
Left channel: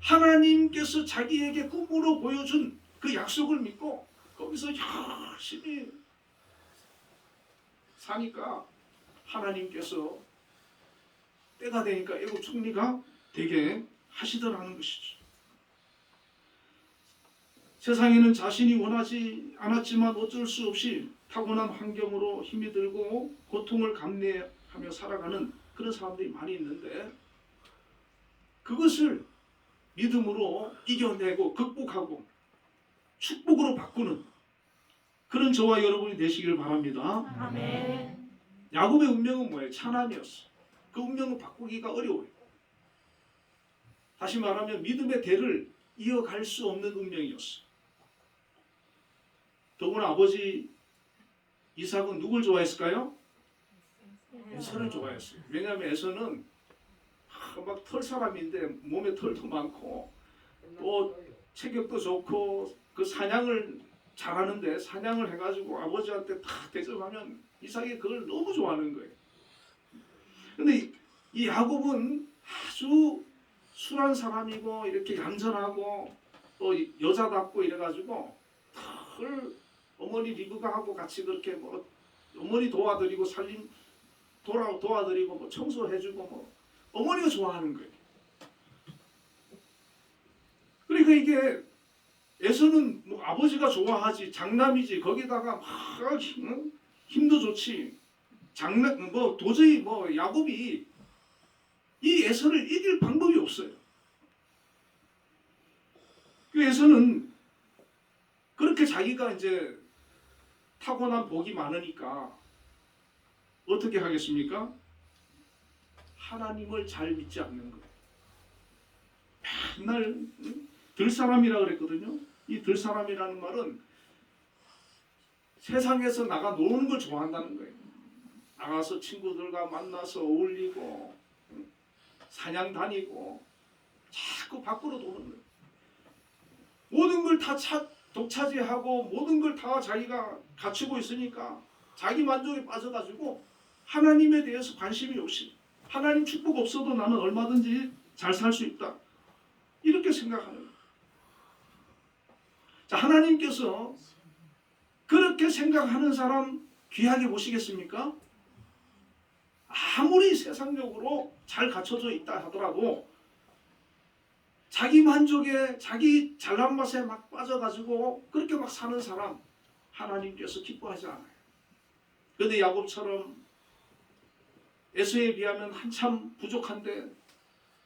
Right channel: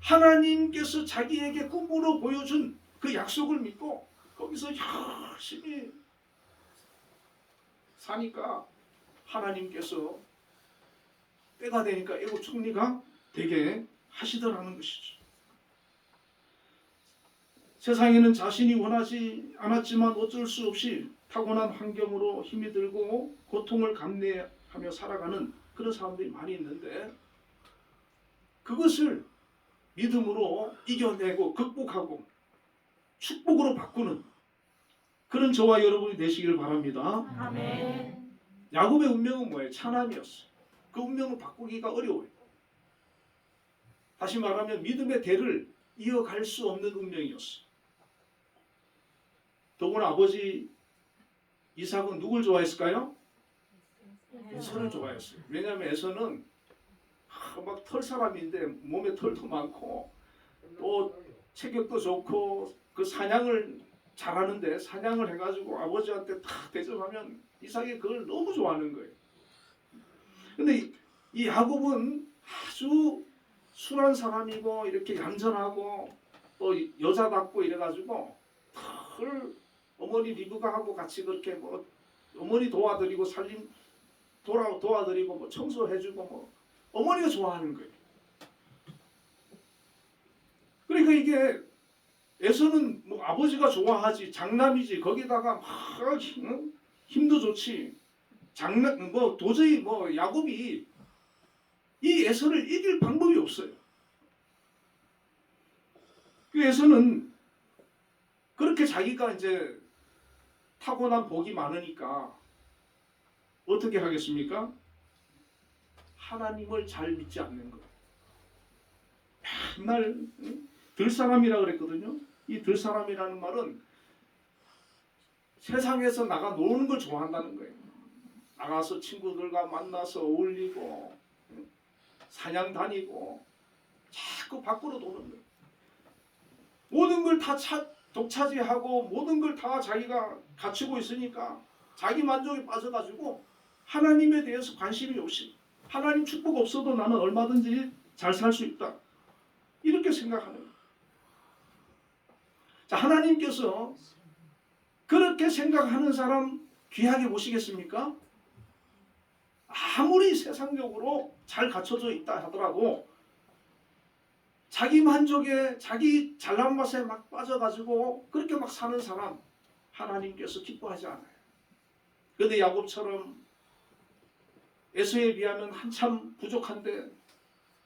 하나님께서 자기에게 꿈으로 보여준 그 약속을 믿고 거기서 열심히 사니까 하나님께서 때가 되니까 애굽 총리가 되게 하시더라는 것이죠. 세상에는 자신이 원하지 않았지만 어쩔 수 없이 타고난 환경으로 힘이 들고 고통을 감내하며 살아가는 그런 사람들이 많이 있는데, 그것을 믿음으로 이겨내고 극복하고 축복으로 바꾸는 그런 저와 여러분이 되시길 바랍니다. 아멘. 야곱의 운명은 뭐예요? 차남이었어요. 그 운명을 바꾸기가 어려워요. 다시 말하면 믿음의 대를 이어갈 수 없는 운명이었어요. 더구나 아버지 이삭은 누굴 좋아했을까요? 에서를 좋아했어요. 왜냐하면 에서는 막 털 사람인데 몸에 털도 많고 또 체격도 좋고 그 사냥을 잘하는데, 사냥을 해가지고 아버지한테 탁 대접하면 이삭이 그걸 너무 좋아하는 거예요. 근데 이 야곱은 아주 순한 사람이고 이렇게 얌전하고 또 여자답고 이래가지고 털 어머니 리브가하고 같이 그렇게 뭐 어머니 도와드리고 살림 도와드리고 뭐 청소해주고 뭐 어머니가 좋아하는 거예요. 그러니까 이게 에서는 뭐 아버지가 좋아하지, 장남이지, 거기다가 막 힘도 좋지, 장남 뭐 도저히 뭐 야곱이 이 에서를 이길 방법이 없어요. 그 에서는 그렇게 자기가 이제 타고난 복이 많으니까 어떻게 하겠습니까? 하나님을 잘 믿지 않는 거예요. 맨날 들사람이라 그랬거든요. 이 들사람이라는 말은 세상에서 나가 노는 걸 좋아한다는 거예요. 나가서 친구들과 만나서 어울리고 사냥 다니고 자꾸 밖으로 노는 거예요. 모든 걸 다 독차지하고 모든 걸 다 자기가 갖추고 있으니까 자기 만족에 빠져가지고 하나님에 대해서 관심이 없이, 하나님 축복 없어도 나는 얼마든지 잘 살 수 있다 이렇게 생각하는 거예요. 자, 하나님께서 그렇게 생각하는 사람 귀하게 보시겠습니까? 아무리 세상적으로 잘 갖춰져 있다 하더라도 자기 만족에 자기 잘난 맛에 막 빠져가지고 그렇게 막 사는 사람 하나님께서 기뻐하지 않아요. 그런데 야곱처럼 에서에 비하면 한참 부족한데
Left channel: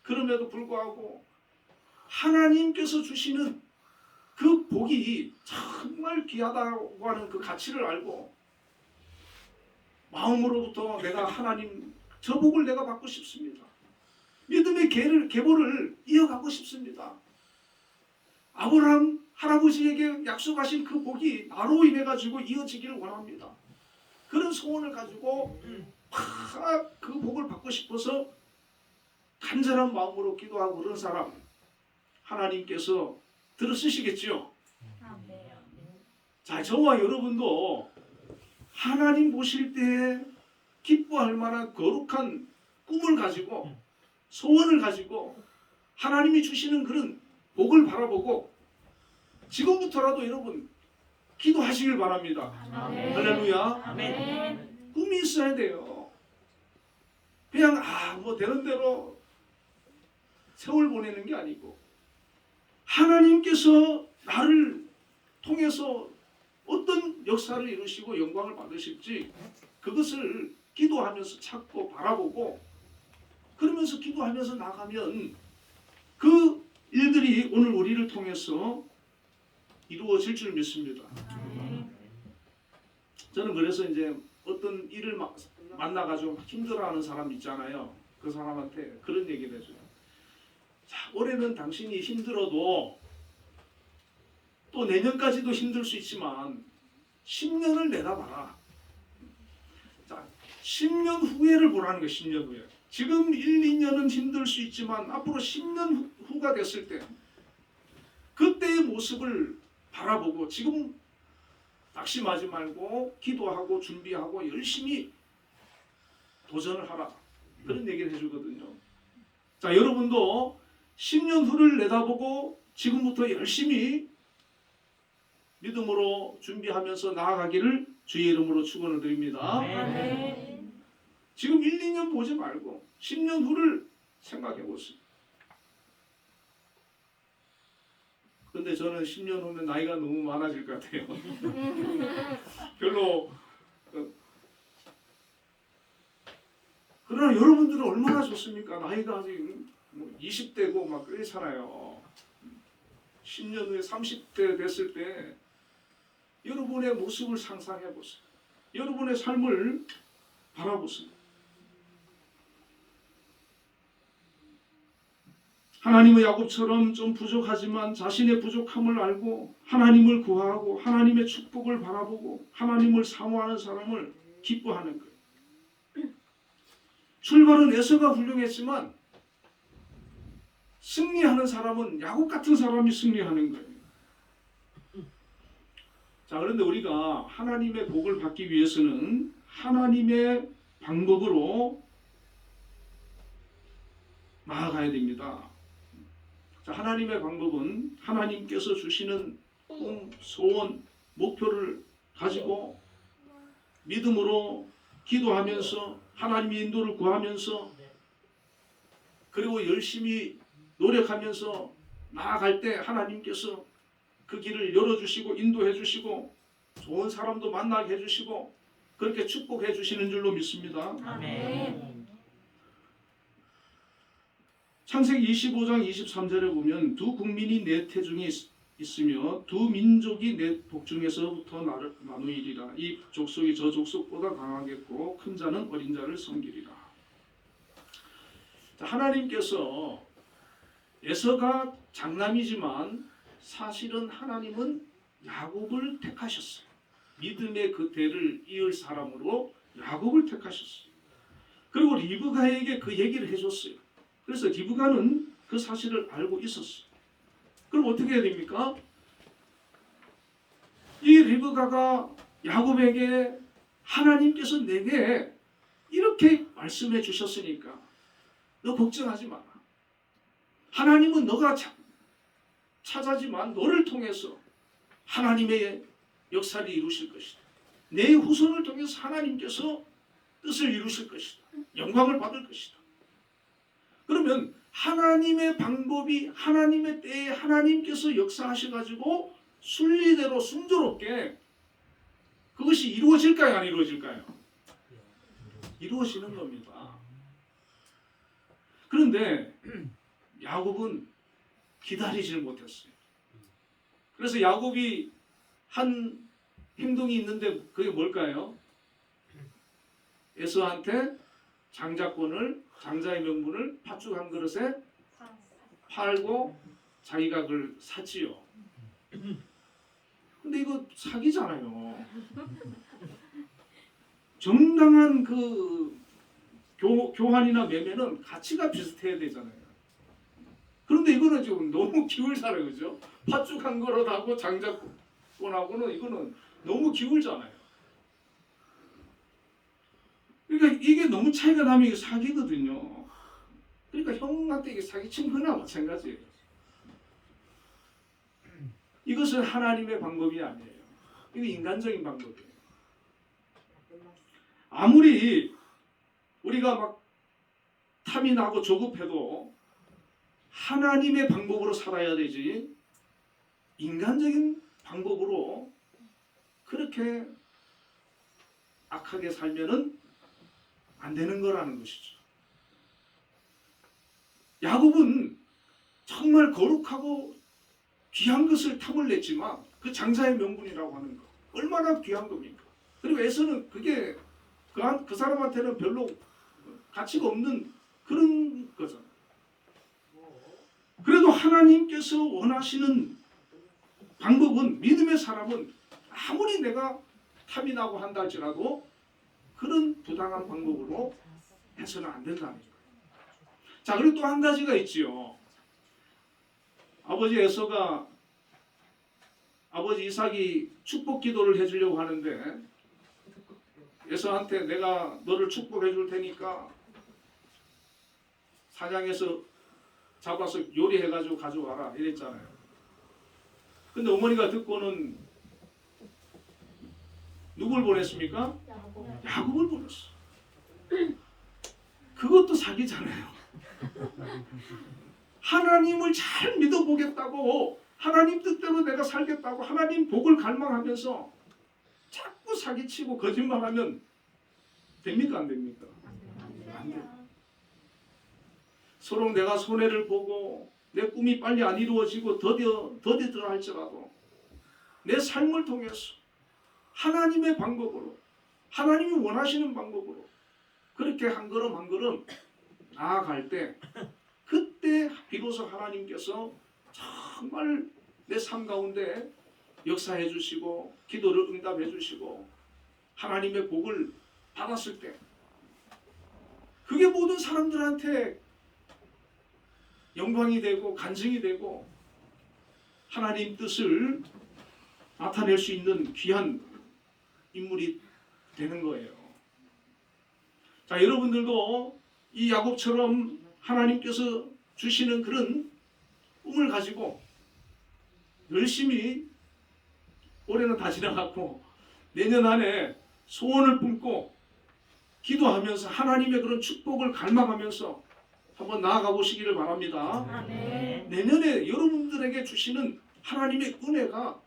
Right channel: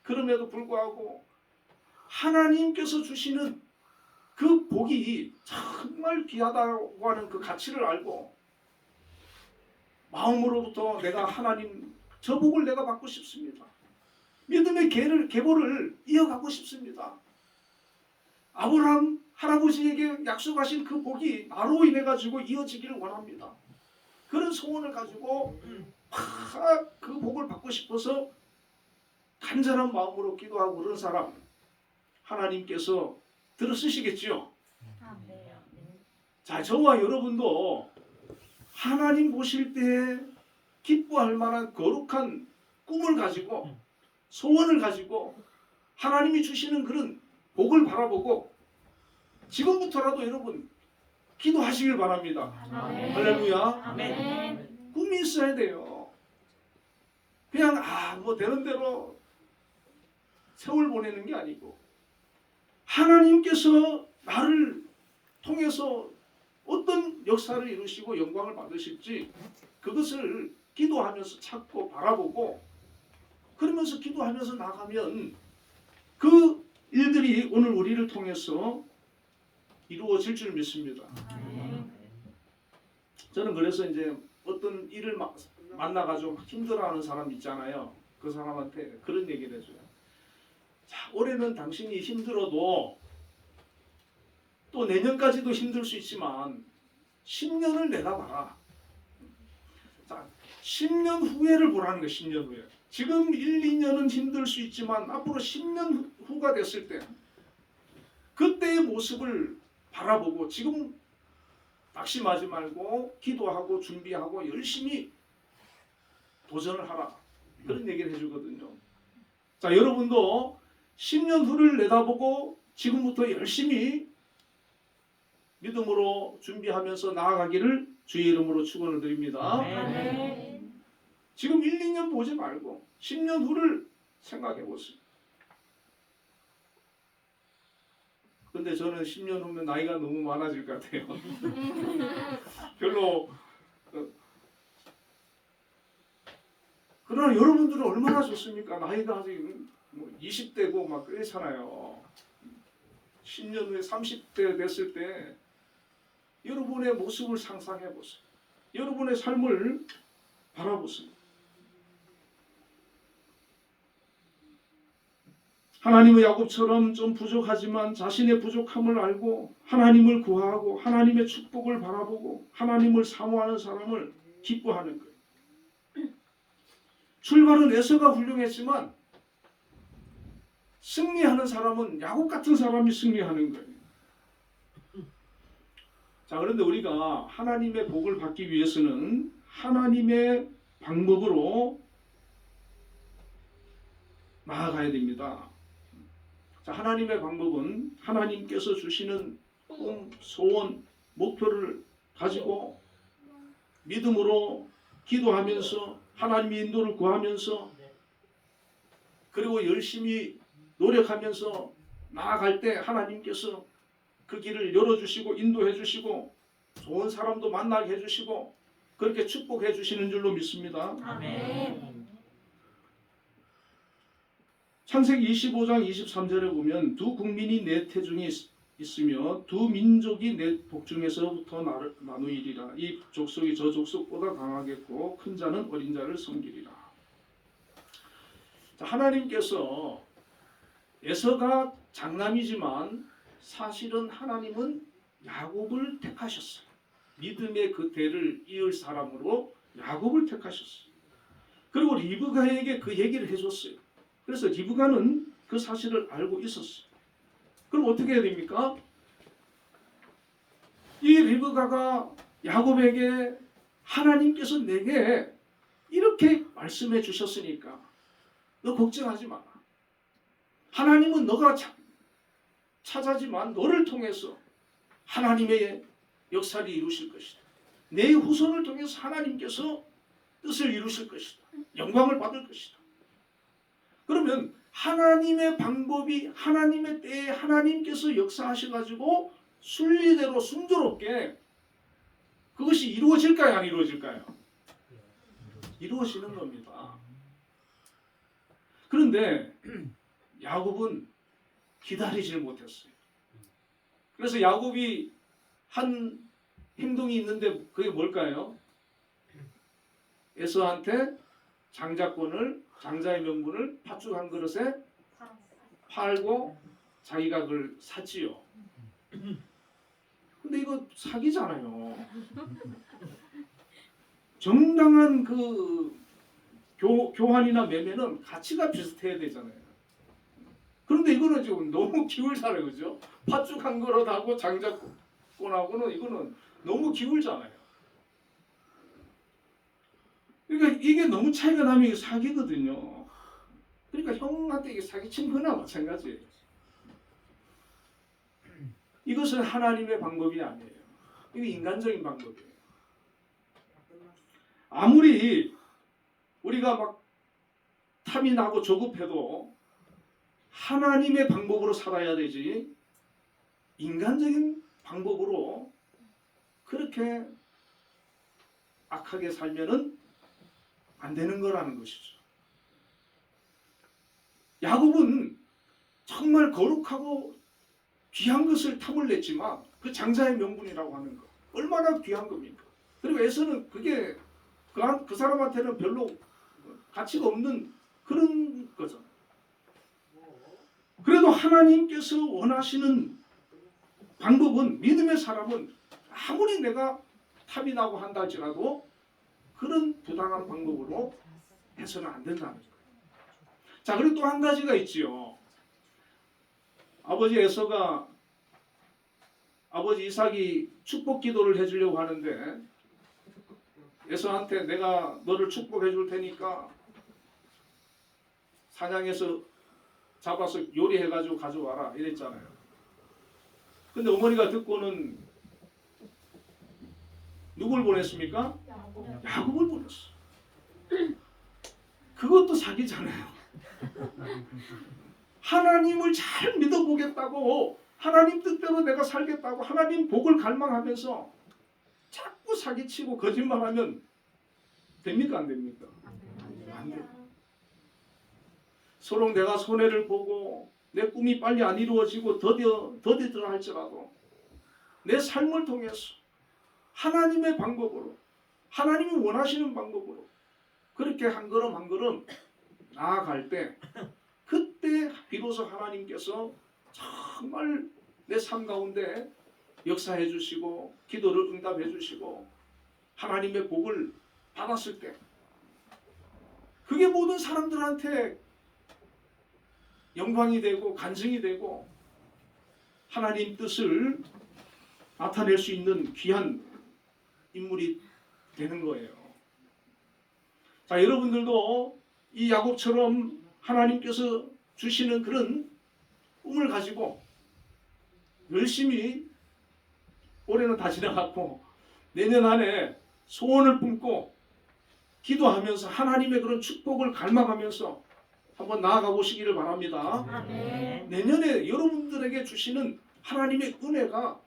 그럼에도 불구하고 하나님께서 주시는 그 복이 정말 귀하다고 하는 그 가치를 알고 마음으로부터 내가 하나님 저 복을 내가 받고 싶습니다. 믿음의 계보를 이어가고 싶습니다. 아브라함 할아버지에게 약속하신 그 복이 나로 인해 가지고 이어지기를 원합니다. 그런 소원을 가지고 막 그 복을 받고 싶어서 간절한 마음으로 기도하고 그런 사람 하나님께서 들어쓰시겠지요. 자, 저와 여러분도 하나님 보실 때 기뻐할 만한 거룩한 꿈을 가지고 소원을 가지고 하나님이 주시는 그런 복을 바라보고 지금부터라도 여러분 기도하시길 바랍니다. 할렐루야. 꿈이 있어야 돼요. 그냥 뭐 되는 대로 세월 보내는 게 아니고 하나님께서 나를 통해서 어떤 역사를 이루시고 영광을 받으실지 그것을 기도하면서 찾고 바라보고 그러면서 기도하면서 나가면 그 일들이 오늘 우리를 통해서 이루어질 줄 믿습니다. 저는 그래서 이제 어떤 일을 만나가지고 힘들어하는 사람 있잖아요. 그 사람한테 그런 얘기를 해줘요. 자, 올해는 당신이 힘들어도 또 내년까지도 힘들 수 있지만 10년을 내다봐라. 자, 10년 후에를 보라는 거예요. 10년 후에. 지금 1, 2년은 힘들 수 있지만 앞으로 10년 후가 됐을 때 그때의 모습을 바라보고 지금 낙심하지 말고 기도하고 준비하고 열심히 도전을 하라. 그런 얘기를 해주거든요. 자, 여러분도 10년 후를 내다보고 지금부터 열심히 믿음으로 준비하면서 나아가기를 주의 이름으로 축원을 드립니다. 지금 1, 2년 보지 말고 10년 후를 생각해 보세요. 근데 저는 10년 후면 나이가 너무 많아질 것 같아요. 별로. 그러나 여러분들은 얼마나 좋습니까? 나이가 아직 20대고 막 그렇잖아요. 10년 후에 30대 됐을 때 여러분의 모습을 상상해 보세요. 여러분의 삶을 바라보세요. 하나님의 야곱처럼 좀 부족하지만 자신의 부족함을 알고 하나님을 구하고 하나님의 축복을 바라보고 하나님을 사모하는 사람을 기뻐하는 거예요. 출발은 에서가 훌륭했지만 승리하는 사람은 야곱 같은 사람이 승리하는 거예요. 자, 그런데 우리가 하나님의 복을 받기 위해서는 하나님의 방법으로 나아가야 됩니다. 자, 하나님의 방법은 하나님께서 주시는 꿈, 소원, 목표를 가지고 믿음으로 기도하면서 하나님의 인도를 구하면서 그리고 열심히 노력하면서 나아갈 때 하나님께서 그 길을 열어주시고 인도해 주시고 좋은 사람도 만나게 해주시고 그렇게 축복해 주시는 줄로 믿습니다. 아멘. 창세기 25장 23절에 보면 두 국민이 내 태중에 있으며 두 민족이 내 복중에서부터 나누이리라. 이 족속이 저 족속보다 강하겠고 큰 자는 어린 자를 섬기리라. 자, 하나님께서 에서가 장남이지만 사실은 하나님은 야곱을 택하셨어요. 믿음의 그 대를 이을 사람으로 야곱을 택하셨어요. 그리고 리브가에게 그 얘기를 해줬어요. 그래서 리브가는 그 사실을 알고 있었어요. 그럼 어떻게 해야 됩니까? 이 리브가가 야곱에게 하나님께서 내게 이렇게 말씀해 주셨으니까 너 걱정하지 마라. 하나님은 너가 찾아지만 너를 통해서 하나님의 역사를 이루실 것이다. 내 후손을 통해서 하나님께서 뜻을 이루실 것이다. 영광을 받을 것이다. 그러면 하나님의 방법이 하나님의 때에 하나님께서 역사하셔가지고 순리대로 순조롭게 그것이 이루어질까요? 안 이루어질까요? 이루어지는 겁니다. 그런데 야곱은 기다리질 못했어요. 그래서 야곱이 한 행동이 있는데 그게 뭘까요? 에서한테 장자의 명분을 팥죽 한 그릇에 팔고 자기가 그걸 샀지요. 근데 이거 사기잖아요. 정당한 그 교환이나 매매는 가치가 비슷해야 되잖아요. 그런데 이거는 지금 너무 기울잖아요, 그죠? 팥죽 한 그릇하고 장작권하고는 이거는 너무 기울잖아요. 그러니까 이게 너무 차이가 나면 이게 사기거든요. 그러니까 형한테 이게 사기친 거나 마찬가지예요. 이것은 하나님의 방법이 아니에요. 이거 인간적인 방법이에요. 아무리 우리가 막 탐이 나고 조급해도 하나님의 방법으로 살아야 되지 인간적인 방법으로 그렇게 악하게 살면은 안 되는 거라는 것이죠. 야곱은 정말 거룩하고 귀한 것을 탐을 냈지만 그 장자의 명분이라고 하는 거 얼마나 귀한 겁니까? 그리고 에서는 그게 그 사람한테는 별로 가치가 없는 그런 거잖아요. 그래도 하나님께서 원하시는 방법은 믿음의 사람은 아무리 내가 탐이 나고 한다 할지라도 그런 부당한 방법으로 해서는 안 된다는 거예요. 자, 그리고 또 한 가지가 있지요. 아버지 에서가 아버지 이삭이 축복 기도를 해주려고 하는데 에서한테 내가 너를 축복해 줄 테니까 사냥해서 잡아서 요리해가지고 가져와라 이랬잖아요. 근데 어머니가 듣고는 누굴 보냈습니까? 야곱을 보냈어. 그것도 사기잖아요. 하나님을 잘 믿어보겠다고 하나님 뜻대로 내가 살겠다고 하나님 복을 갈망하면서 자꾸 사기치고 거짓말하면 됩니까 안 됩니까? 안 돼요. 서로 내가 손해를 보고 내 꿈이 빨리 안 이루어지고 더디더라 할지라도 내 삶을 통해서 하나님의 방법으로 하나님이 원하시는 방법으로 그렇게 한 걸음 한 걸음 나아갈 때 그때 비로소 하나님께서 정말 내 삶 가운데 역사해 주시고 기도를 응답해 주시고 하나님의 복을 받았을 때 그게 모든 사람들한테 영광이 되고 간증이 되고 하나님 뜻을 나타낼 수 있는 귀한 인물이 되는 거예요. 자, 여러분들도 이 야곱처럼 하나님께서 주시는 그런 꿈을 가지고 열심히 올해는 다 지나갔고 내년 안에 소원을 품고 기도하면서 하나님의 그런 축복을 갈망하면서 한번 나아가 보시기를 바랍니다. 아멘. 내년에 여러분들에게 주시는 하나님의 은혜가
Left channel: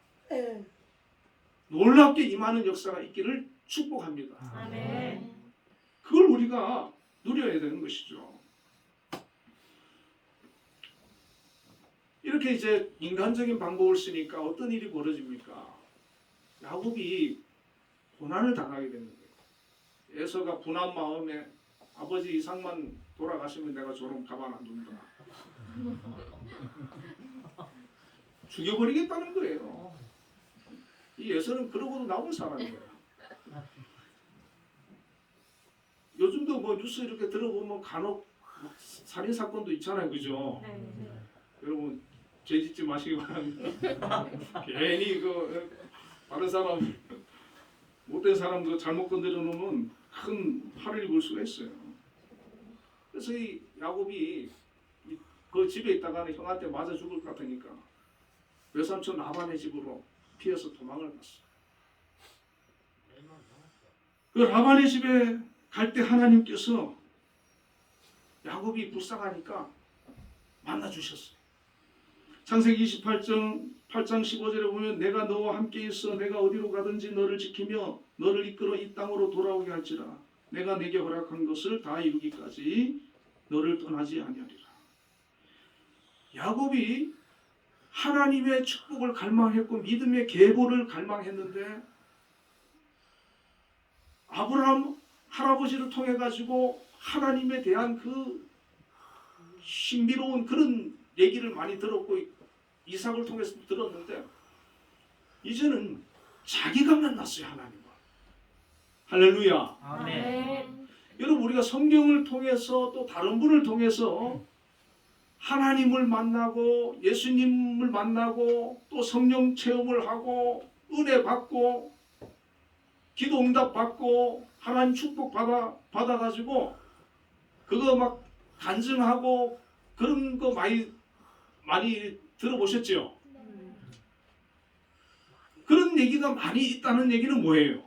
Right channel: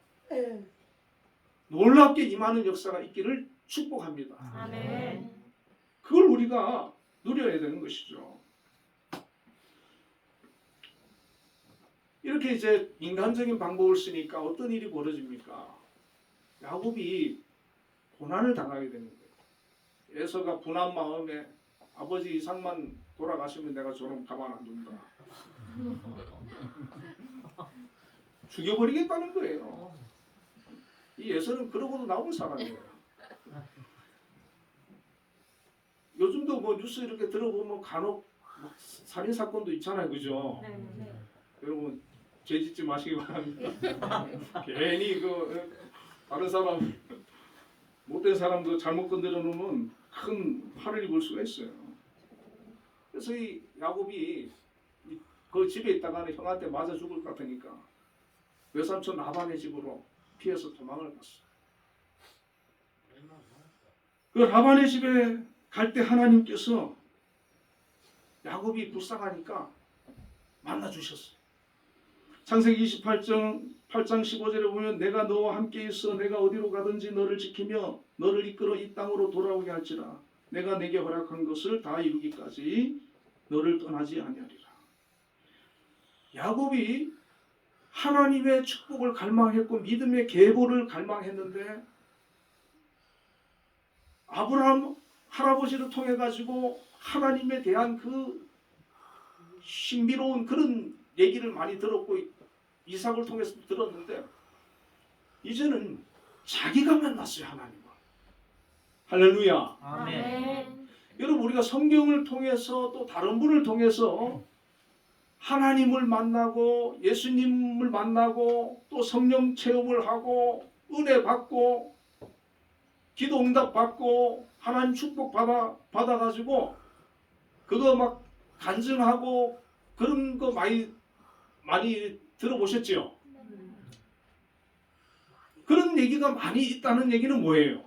놀랍게 임하는 역사가 있기를 축복합니다. 아멘. 그걸 우리가 누려야 되는 것이죠. 이렇게 이제 인간적인 방법을 쓰니까 어떤 일이 벌어집니까? 야곱이 고난을 당하게 되는 거예요. 에서가 분한 마음에 아버지 이삭만 돌아가시면 내가 저런 가만 안 둔다. 죽여버리겠다는 거예요. 이 에서는 그러고도 나온 사람이에요. 요즘도 뭐 뉴스 이렇게 들어보면 간혹 살인 사건도 있잖아요, 그죠? 네. 여러분 죄 짓지 마시기 바랍니다. 괜히 다른 사람 못된 사람도 잘못 건드려 놓으면 큰 화를 입을 수가 있어요. 그래서 이 야곱이 그 집에 있다가는 형한테 맞아 죽을 것 같으니까 외삼촌 라반의 집으로 피해서 도망을 갔어. 그 라반의 집에 갈 때 하나님께서 야곱이 불쌍하니까 만나 주셨어요. 창세기 28장 15절에 보면 내가 너와 함께 있어 내가 어디로 가든지 너를 지키며 너를 이끌어 이 땅으로 돌아오게 할지라 내가 내게 허락한 것을 다 이루기까지 너를 떠나지 아니하리라. 야곱이 하나님의 축복을 갈망했고 믿음의 계보를 갈망했는데 아브라함 할아버지를 통해 가지고 하나님에 대한 그 신비로운 그런 얘기를 많이 들었고 이삭을 통해서 들었는데 이제는 자기가 만났어요, 하나님을. 할렐루야. 아멘. 여러분, 우리가 성경을 통해서 또 다른 분을 통해서 하나님을 만나고 예수님을 만나고 또 성령 체험을 하고 은혜 받고 기도 응답 받고 하나님 축복 받아가지고 그거 막 간증하고 그런 거 많이 들어보셨죠? 그런 얘기가 많이 있다는 얘기는 뭐예요?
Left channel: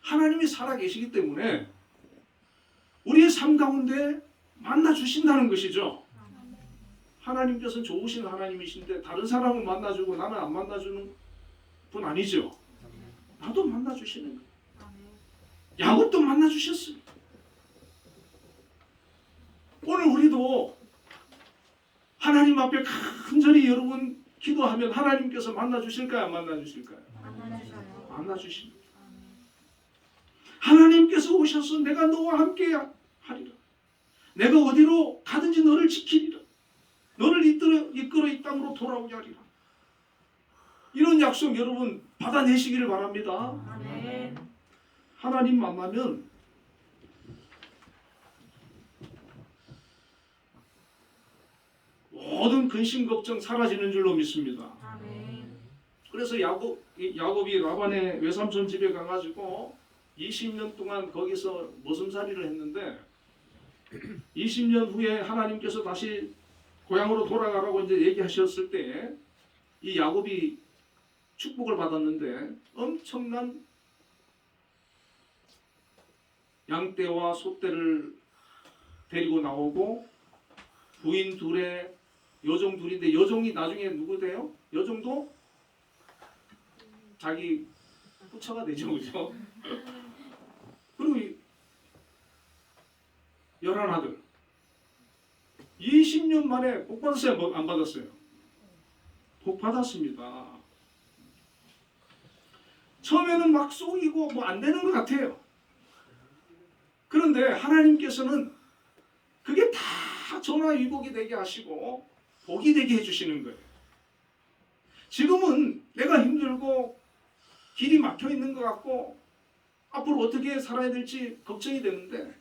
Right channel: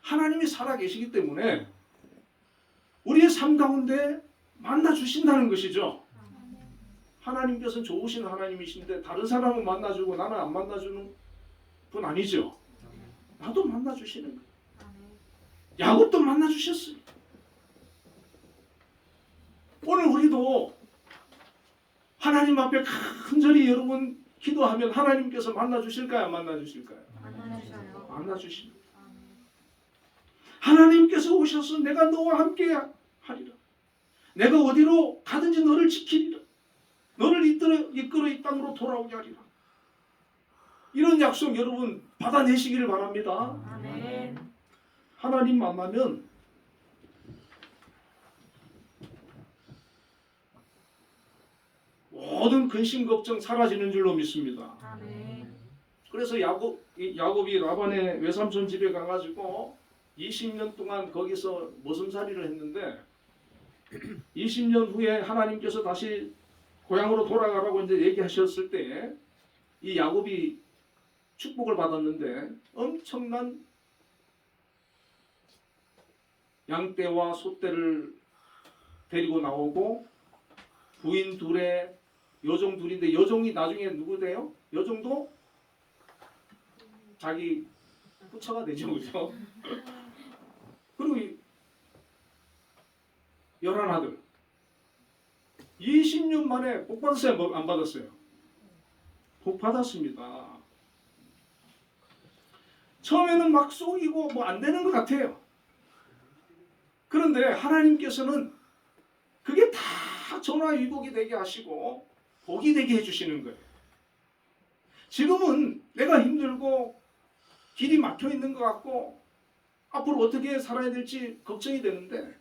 하나님이 살아계시기 때문에 우리의 삶 가운데 만나 주신다는 것이죠. 하나님께서는 좋으신 하나님이신데 다른 사람은 만나주고 나는 안 만나주는 분 아니죠. 나도 만나주시는 거예요. 야곱도 만나주셨어요. 오늘 우리도 하나님 앞에 간절히 여러분 기도하면 하나님께서 만나주실까요? 안 만나주실까요? 만나주십니다. 하나님께서 오셔서 내가 너와 함께 하리라. 내가 어디로 가든지 너를 지키리라. 너를 이끌어 이 땅으로 돌아오게 하리라. 이런 약속 여러분 받아내시기를 바랍니다. 아멘. 하나님 만나면 모든 근심 걱정 사라지는 줄로 믿습니다. 아멘. 그래서 야곱이 라반의 외삼촌 집에 가가지고 20년 동안 거기서 머슴살이를 했는데 20년 후에 하나님께서 다시 고향으로 돌아가라고 이제 얘기하셨을 때 이 야곱이 축복을 받았는데 엄청난 양떼와 소떼를 데리고 나오고 부인 둘에 여종 둘인데 여종이 나중에 누구 돼요? 여종도 자기 후처가 되죠, 그죠? 그리고 11아들 20년 만에 복 받았어요? 안 받았어요? 복 받았습니다. 처음에는 막 속이고 뭐 안 되는 것 같아요. 그런데 하나님께서는 그게 다 전화위복이 되게 하시고 복이 되게 해주시는 거예요. 지금은 내가 힘들고 길이 막혀 있는 것 같고 앞으로 어떻게 살아야 될지 걱정이 되는데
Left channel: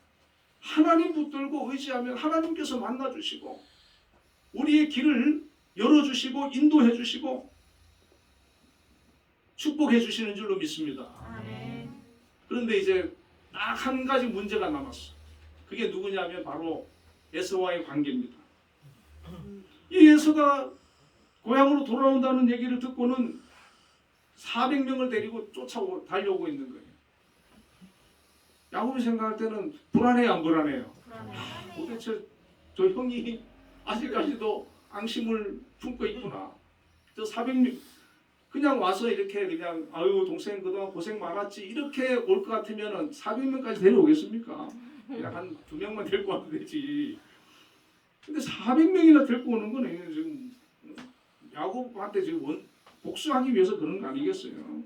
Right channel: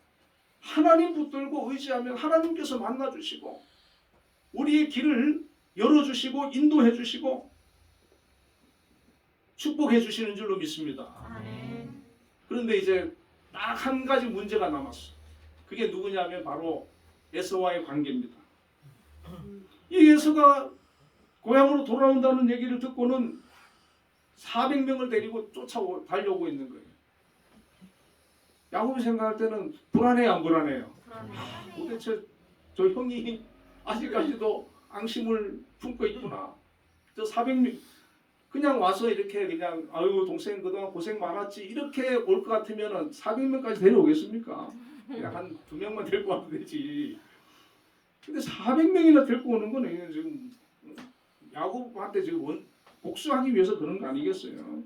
하나님 붙들고 의지하면 하나님께서 만나주시고 우리의 길을 열어주시고 인도해주시고 축복해주시는 줄로 믿습니다. 아멘. 그런데 이제 딱 한 가지 문제가 남았어. 그게 누구냐면 바로 에서와의 관계입니다. 이 에서가 고향으로 돌아온다는 얘기를 듣고는 400명을 데리고 달려오고 있는 거예요. 야곱이 생각할 때는 불안해요, 안 불안해요? 도대체 저 형이 아직까지도 앙심을 품고 있구나. 저 400명 그냥 와서 이렇게 그냥 아유 동생 그동안 고생 많았지 이렇게 올 것 같으면 400명까지 데려오겠습니까? 그냥 한 2명만 데리고 와도 되지. 근데 400명이나 데리고 오는 거는 지금 야곱한테 지금 복수하기 위해서 그런 거 아니겠어요?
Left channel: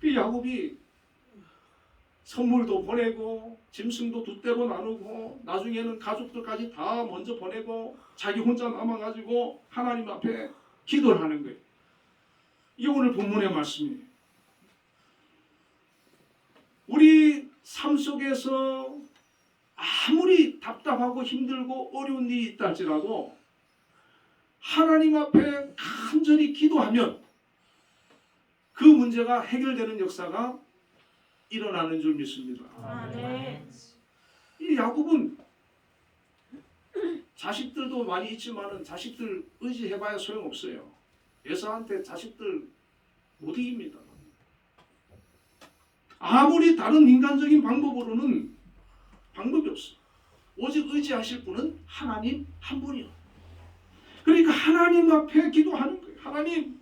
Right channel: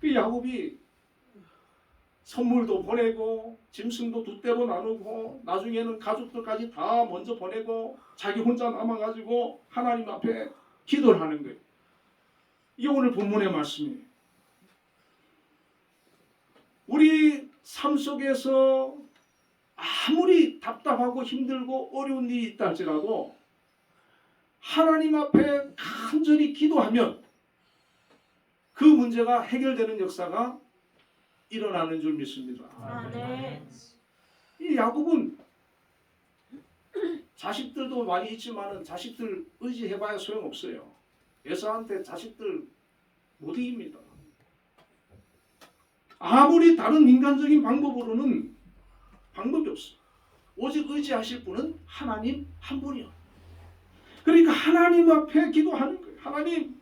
그 야곱이 선물도 보내고 짐승도 두 떼로 나누고 나중에는 가족들까지 다 먼저 보내고 자기 혼자 남아가지고 하나님 앞에 기도를 하는 거예요. 이게 오늘 본문의 말씀이에요. 우리 삶 속에서 아무리 답답하고 힘들고 어려운 일이 있다 할지라도 하나님 앞에 간절히 기도하면 그 문제가 해결되는 역사가 일어나는 줄 믿습니다. 아멘. 이 야곱은 자식들도 많이 있지만 자식들 의지해봐야 소용없어요. 에서한테 자식들 못 이깁니다. 아무리 다른 인간적인 방법으로는 방법이 없어. 오직 의지하실 분은 하나님 한 분이요. 그러니까 하나님 앞에 기도하는 거예요. 하나님.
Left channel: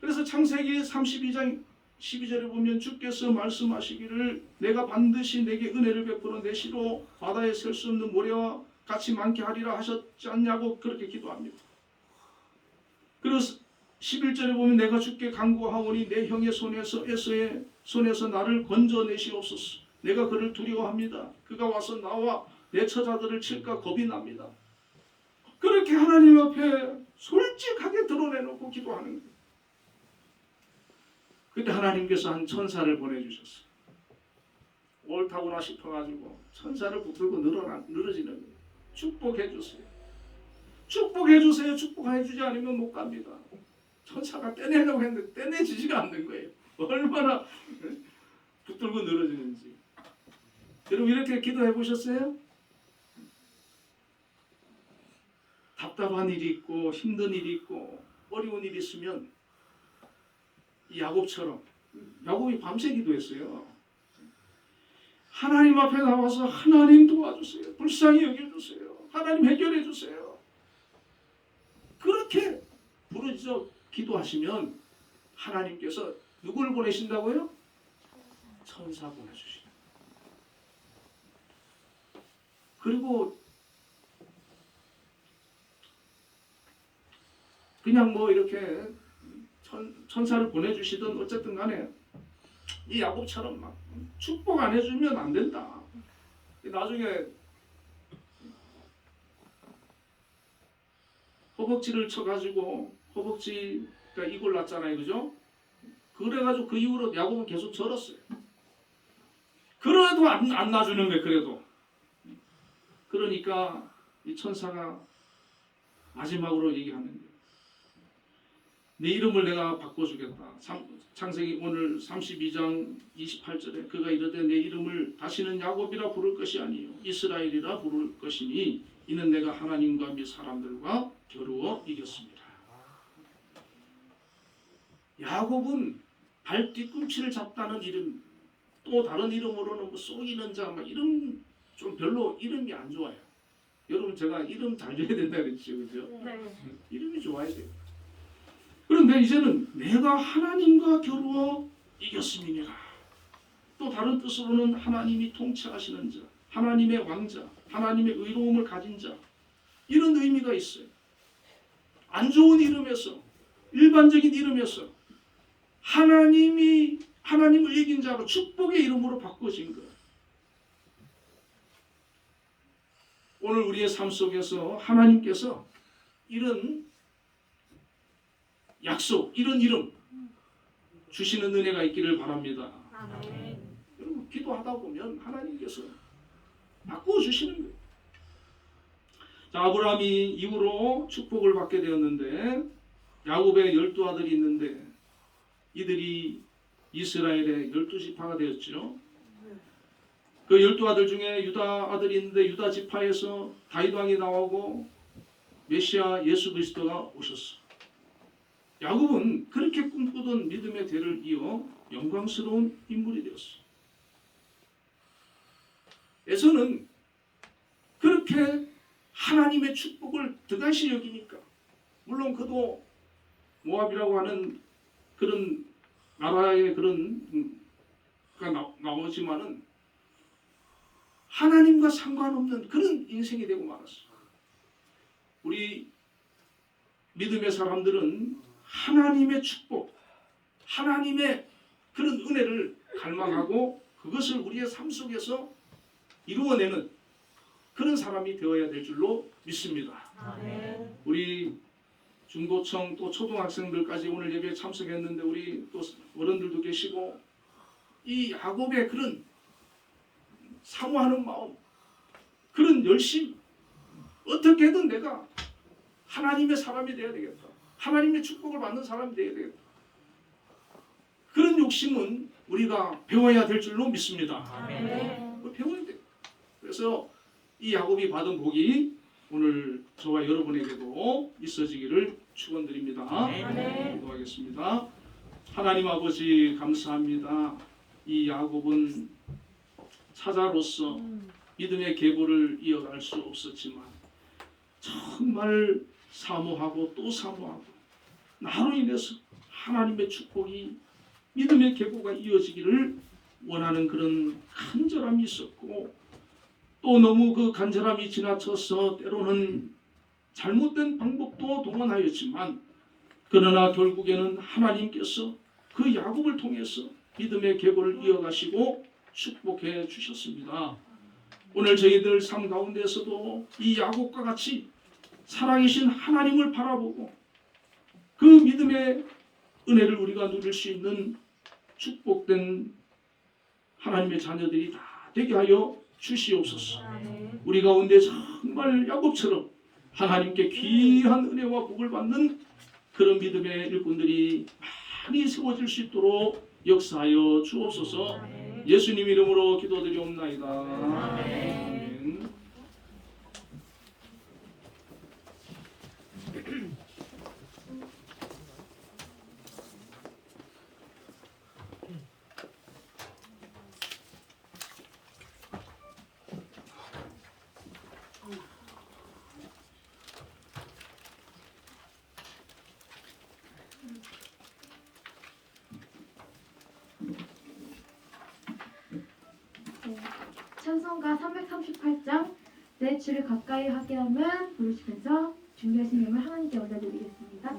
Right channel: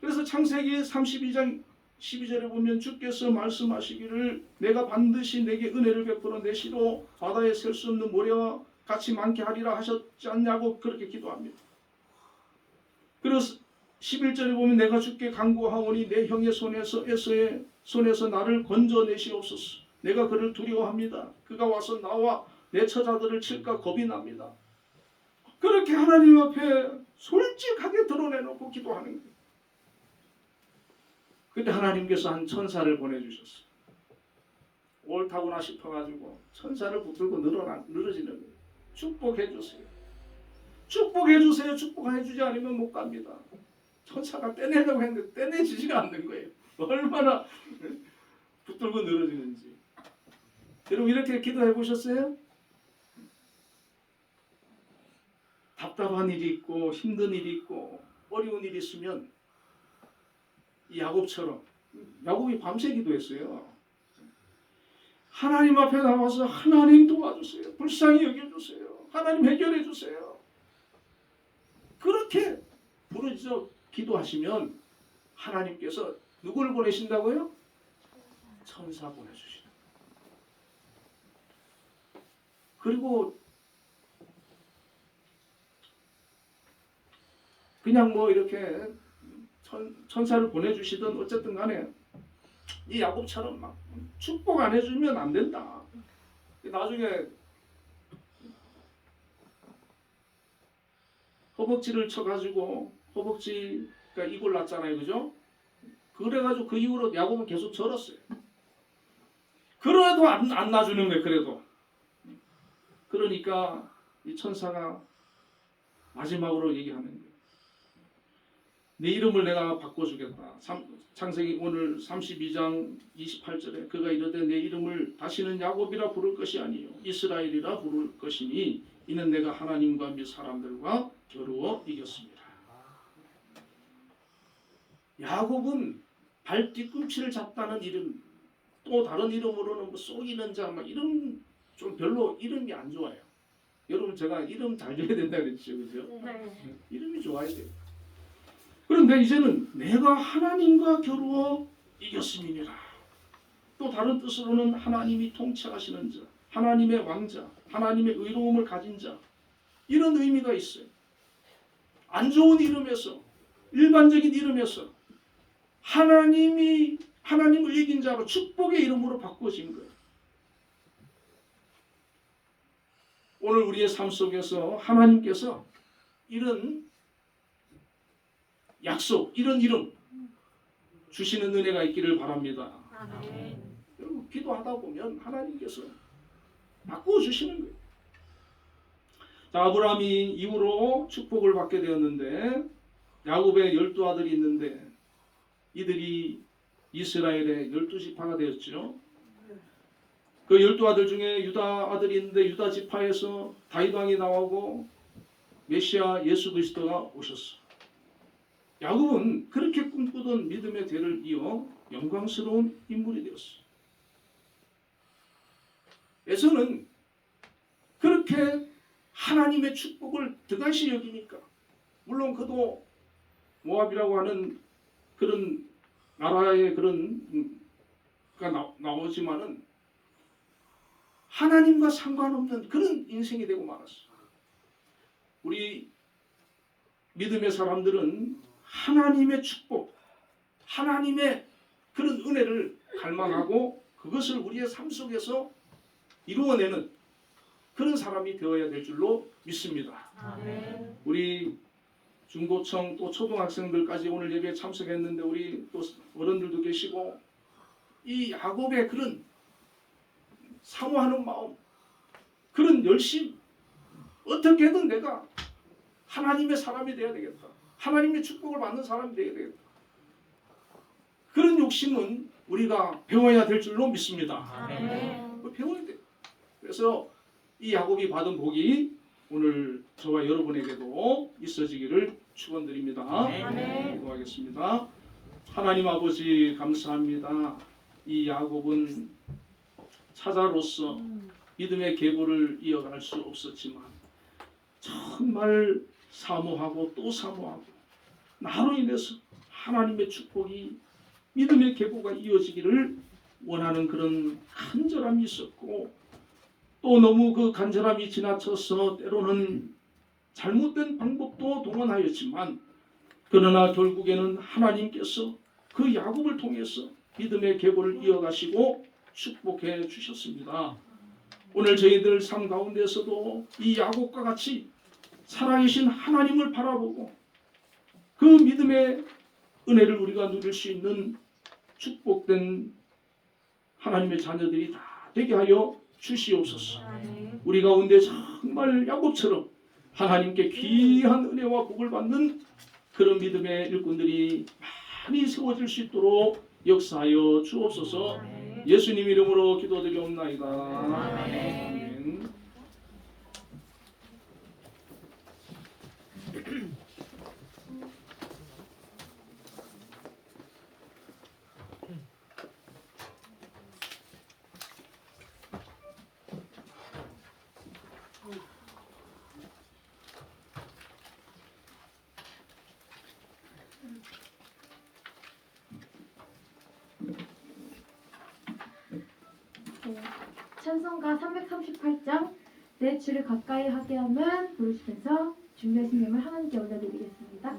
그래서 창세기 32장 12절에 보면 주께서 말씀하시기를 내가 반드시 내게 은혜를 베풀어 내 시로 바다에 셀 수 없는 모래와 같이 많게 하리라 하셨지 않냐고 그렇게 기도합니다. 그래서 11절에 보면 내가 주께 간구하오니 내 형의 손에서 에서의 손에서 나를 건져내시옵소서. 내가 그를 두려워합니다. 그가 와서 나와 내 처자들을 칠까 겁이 납니다. 그렇게 하나님 앞에 솔직하게 드러내놓고 기도하는 거예요. 그때 하나님께서 한 천사를 보내주셨어요. 옳다구나 싶어가지고 천사를 붙들고 늘어지는 거예요. 축복해 주세요. 축복해 주세요. 축복해 주지 않으면 못 갑니다. 천사가 떼내려고 했는데 떼내지지가 않는 거예요. 얼마나 붙들고 늘어지는지. 여러분 이렇게 기도해 보셨어요? 답답한 일이 있고 힘든 일이 있고 어려운 일이 있으면 이 야곱처럼 야곱이 밤새 기도했어요. 하나님 앞에 나와서 하나님 도와주세요. 불쌍히 여겨주세요. 하나님 해결해 주세요. 그렇게 부르짖어 기도하시면 하나님께서 누굴 보내신다고요? 천사 보내주신다. 그리고 그냥 뭐 이렇게 천사를 보내주시든 어쨌든 간에 이 야곱처럼 막 축복 안 해주면 안 된다. 나중에 허벅지를 쳐가지고 허벅지가 이골 났잖아요, 그죠? 그래가지고 그 이후로 야곱은 계속 절었어요. 그래도 안 놔주는 거예요. 그래도 그러니까 이 천사가 마지막으로 얘기하는 거예요. 내 이름을 내가 바꿔주겠다. 창세기 오늘 32장 28절에 그가 이르되 내 이름을 다시는 야곱이라 부를 것이 아니요 이스라엘이라 부를 것이니 이는 내가 하나님과 및 사람들과 겨루어 이겼습니다. 야곱은 발 뒤꿈치를 잡다는 이름, 또 다른 이름으로는 뭐 쏘이는 자, 막 이름 좀 별로 이름이 안 좋아요. 여러분 제가 이름 잘 줘야 된다 그랬죠, 그죠? 네. 이름이 좋아야 돼요. 그런데 이제는 내가 하나님과 겨루어 이겼음이니라. 또 다른 뜻으로는 하나님이 통치하시는 자, 하나님의 왕자, 하나님의 의로움을 가진 자, 이런 의미가 있어요. 안 좋은 이름에서, 일반적인 이름에서 하나님을 이긴 자로 축복의 이름으로 바꿔진 거예요. 오늘 우리의 삶 속에서 하나님께서 이런 약속, 이런 이름 주시는 은혜가 있기를 바랍니다. 아멘. 여러분 기도하다 보면 하나님께서 바꿔주시는 거예요. 자, 아브라함이 이후로 축복을 받게 되었는데 야곱의 12아들이 있는데 이들이 이스라엘의 12지파가 되었죠. 그 12아들 중에 유다 아들이 있는데 유다 지파에서 다윗 왕이 나오고 메시아 예수 그리스도가 오셨어. 야곱은 그렇게 꿈꾸던 믿음의 대를 이어 영광스러운 인물이 되었어. 에서는 그렇게 하나님의 축복을 득하시 여기니까 물론 그도 모압이라고 하는 그런 나라의 그런 나오지만은 하나님과 상관없는 그런 인생이 되고 말았어. 우리 믿음의 사람들은 하나님의 축복, 하나님의 그런 은혜를 갈망하고 그것을 우리의 삶 속에서 이루어내는 그런 사람이 되어야 될 줄로 믿습니다. 아멘. 우리 중고청 또 초등학생들까지 오늘 예배에 참석했는데 우리 또 어른들도 계시고 이 야곱의 그런 사모하는 마음, 그런 열심, 어떻게든 내가 하나님의 사람이 되어야 되겠다. 하나님의 축복을 받는 사람이 되어야 되겠다. 그런 욕심은 우리가 배워야 될 줄로 믿습니다. 아멘. 배워야 돼. 그래서 이 야곱이 받은 복이 오늘 저와 여러분에게도 있어지기를 축원드립니다. 아멘. 기도하겠습니다. 하나님 아버지 감사합니다. 이 야곱은 사자로서 믿음의 계보를 이어갈 수 없었지만 정말 사모하고 또 사모하고 나로 인해서 하나님의 축복이 믿음의 계보가 이어지기를 원하는 그런 간절함이 있었고 또 너무 그 간절함이 지나쳐서 때로는 잘못된 방법도 동원하였지만 그러나 결국에는 하나님께서 그 야곱을 통해서 믿음의 계보를 이어가시고 축복해 주셨습니다. 오늘 저희들 삶 가운데서도 이 야곱과 같이 살아계신 하나님을 바라보고 그 믿음의 은혜를 우리가 누릴 수 있는 축복된 하나님의 자녀들이 다 되게 하여 주시옵소서. 우리 가운데 정말 야곱처럼 하나님께 귀한 은혜와 복을 받는 그런 믿음의 일꾼들이 많이 세워질 수 있도록 역사하여 주옵소서. 예수님 이름으로 기도드리옵나이다. 아멘. 찬송가 338장 내 주를 가까이 하게 함은 부르시면서 준비하신 예물 하나님께 올려드리겠습니다.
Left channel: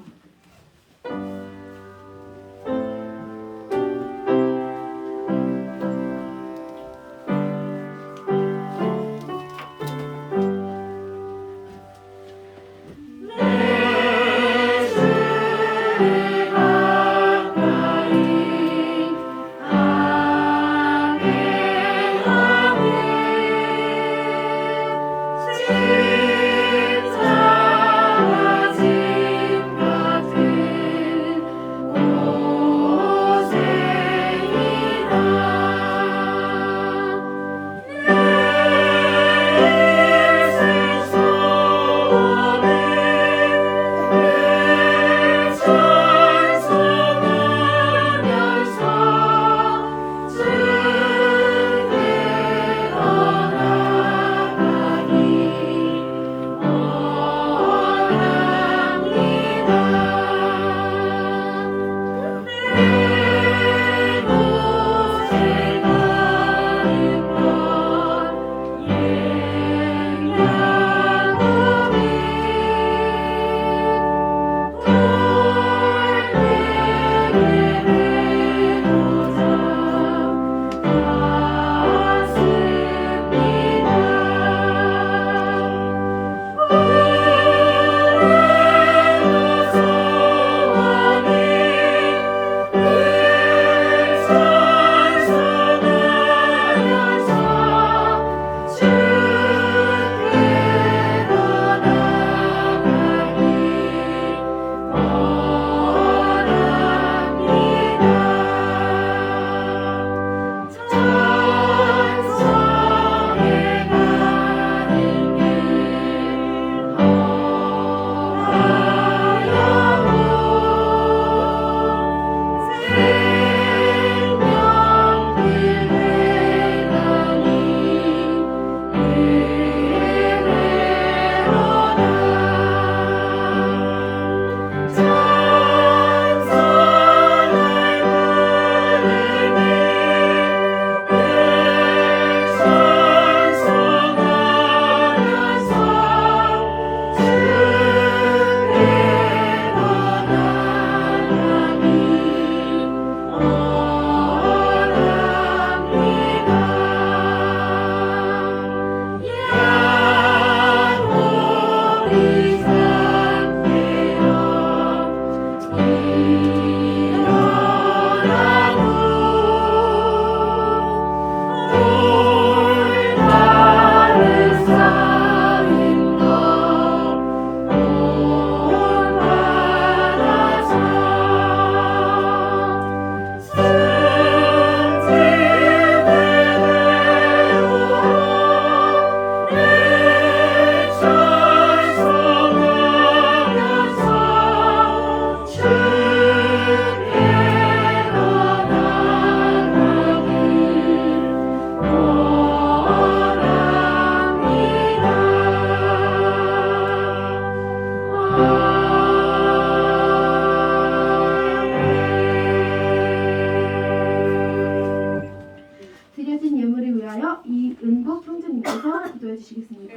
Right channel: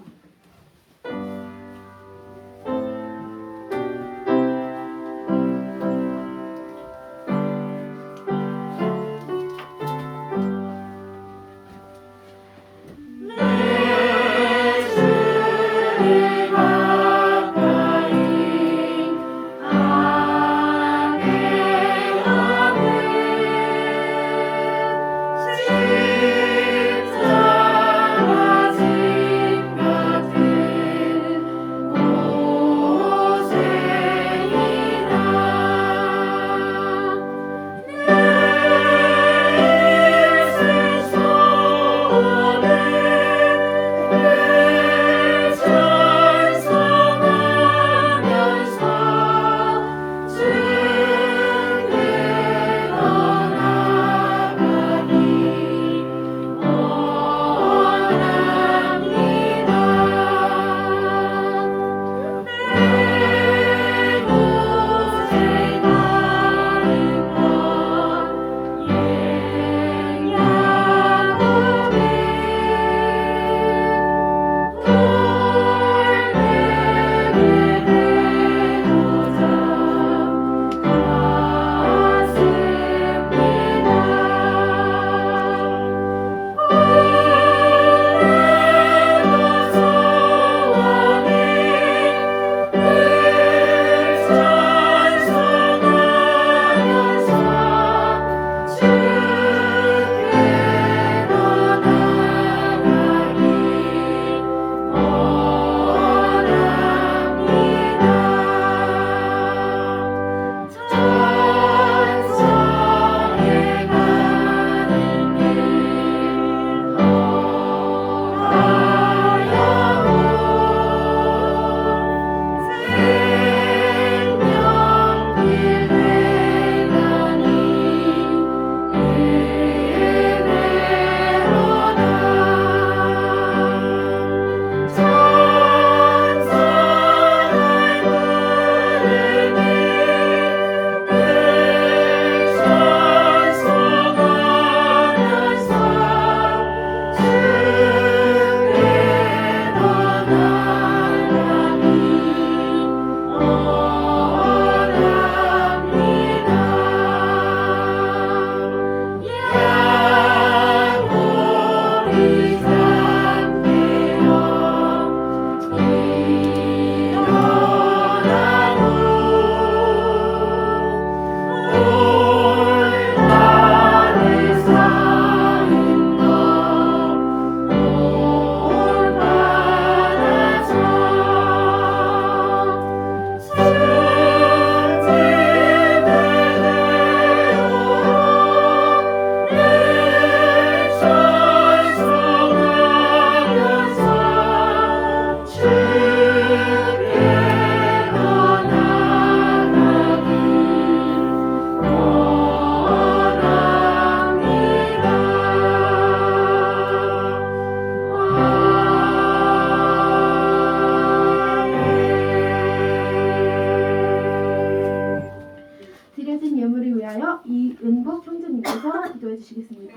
드려진 예물을 위하여 이은복 형제님께서 기도해 주시겠습니다.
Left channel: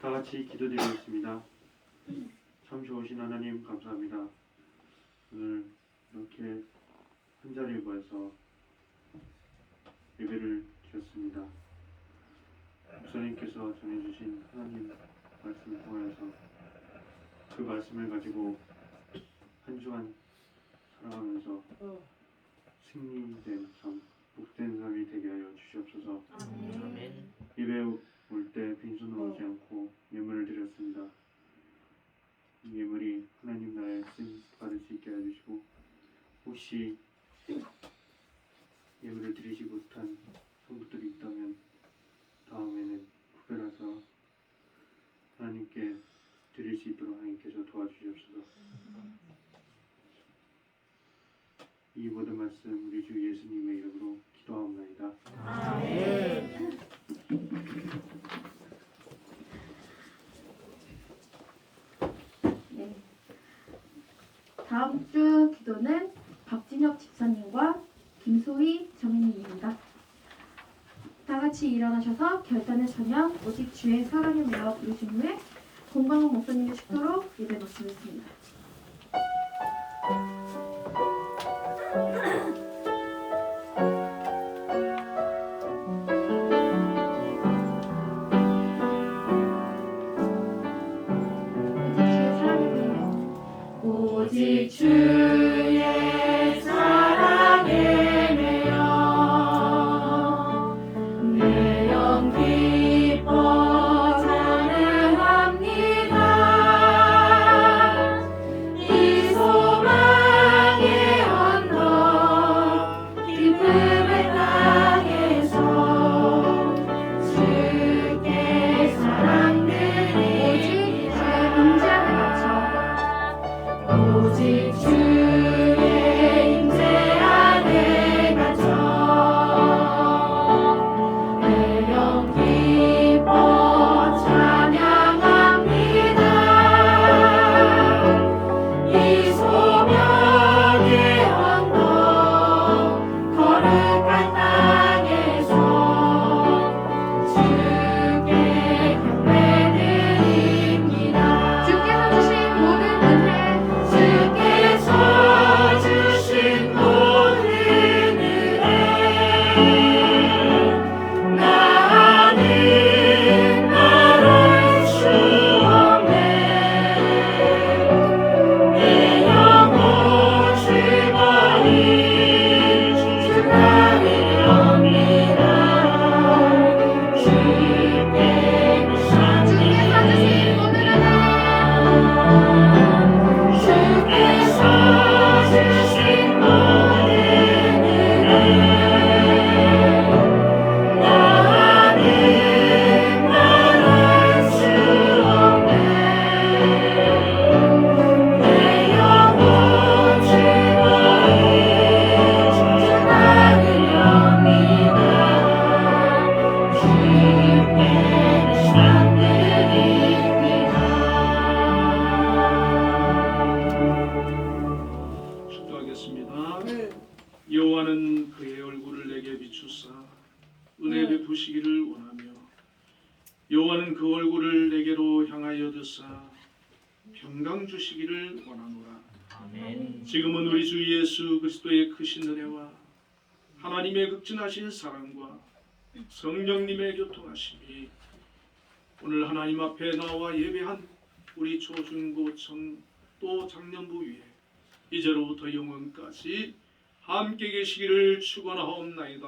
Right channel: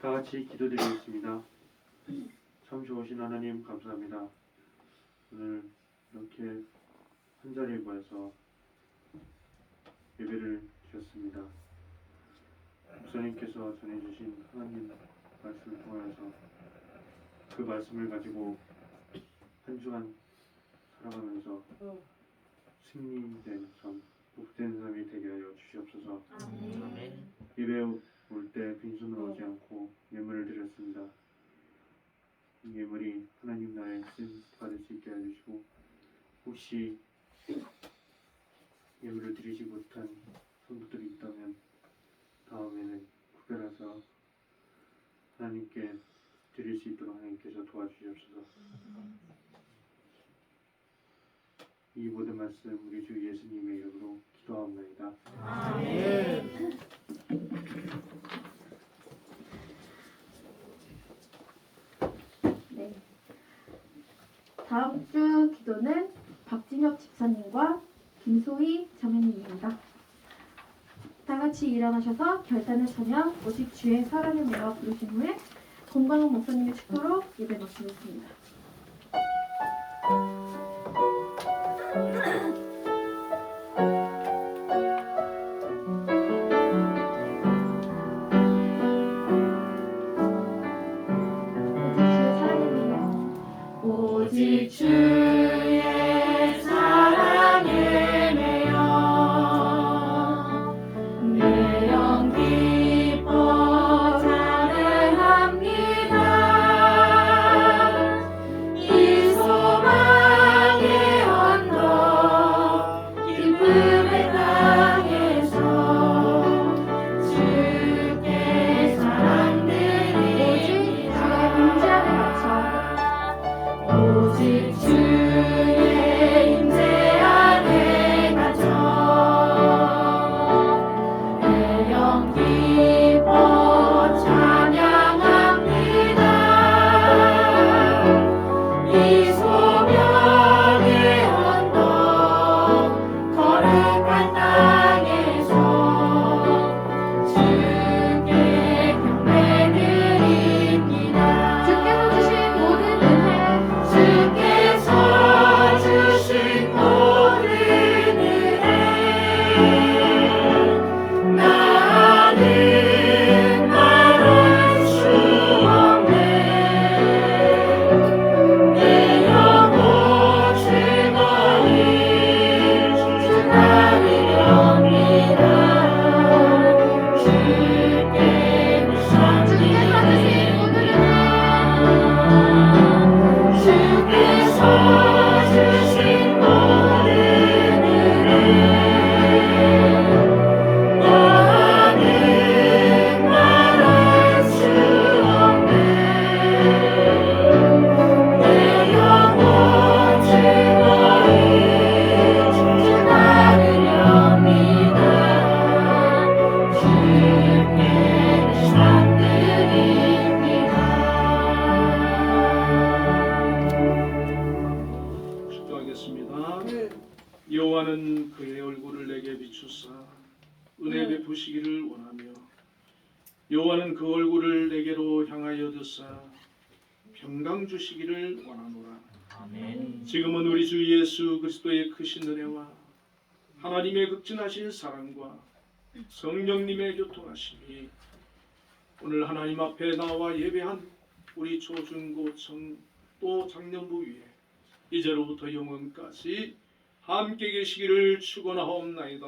다 같이 기도드리겠습니다. 참 좋으신 하나님 감사합니다. 오늘 이렇게 한 자리에 모여서 예배를 드렸습니다. 목사님께서 전해주신 하나님 말씀을 통하여서 그 말씀을 가지고 한 주간 살아가면서 승리된 삶, 복된 삶이 되게 하여 주시옵소서. 예배 올 때 빈손으로 오지 않고 예물을 드렸습니다. 이 예물이 하나님 나라의 쓴 받을 수 있게 해주시고, 혹시 예물을 드리지 못한 성도들이 있다면 다음에는 구별해서 하나님께 드릴 수 있도록 하나님께서 도와주시옵소서. 이 모든 말씀 우리 주 예수님의 이름으로 기도하옵나이다. 네. 다음 주 기도는 박진혁 집사님과 김소희 자매님입니다. 다 같이 일어나셔서 결단의 찬양 오직 주의 사랑을 내어 부르신 후에 공광훈 목사님의 축도로 예배 마치겠습니다. 오직 주의 사랑에 매여 내 영 기뻐 찬양합니다. 이 소망의 언덕 기쁨의 땅에서 주께 사랑드리리. 오직 주의 임재 안에 갇혀 내 영 기뻐 찬양합니다. 이 소명의 언덕 거룩한 땅에서 주께 경배드립니다. 주께서 주신 모든 은혜, 주께서 주신 모든 은혜 나는 말할 수 없네. 내 영혼 즐거이 주 따르렵니다. 주께서 주신 모든 은혜, 주께서 주신 모든 은혜 나는 말할 수 없네. 내 영혼 즐거이 주 따르렵니다. 주께 찬드립니다. 축도하겠습니다. 여호와는 그의 얼굴을 내게 비추사 은혜 베푸시기를 원하며 여호와는 그 얼굴을 내게로 향하여 드사 평강 주시기를 원하노라. 지금은 우리 주 예수 그리스도의 크신 은혜와 하나님의 극진하신 사랑과 성령님의 교통하심이 오늘 하나님 앞에 나와 예배한 우리 초중고청 또 장년부 위에 이제로부터 영원까지 함께 계시기를 축원하옵나이다.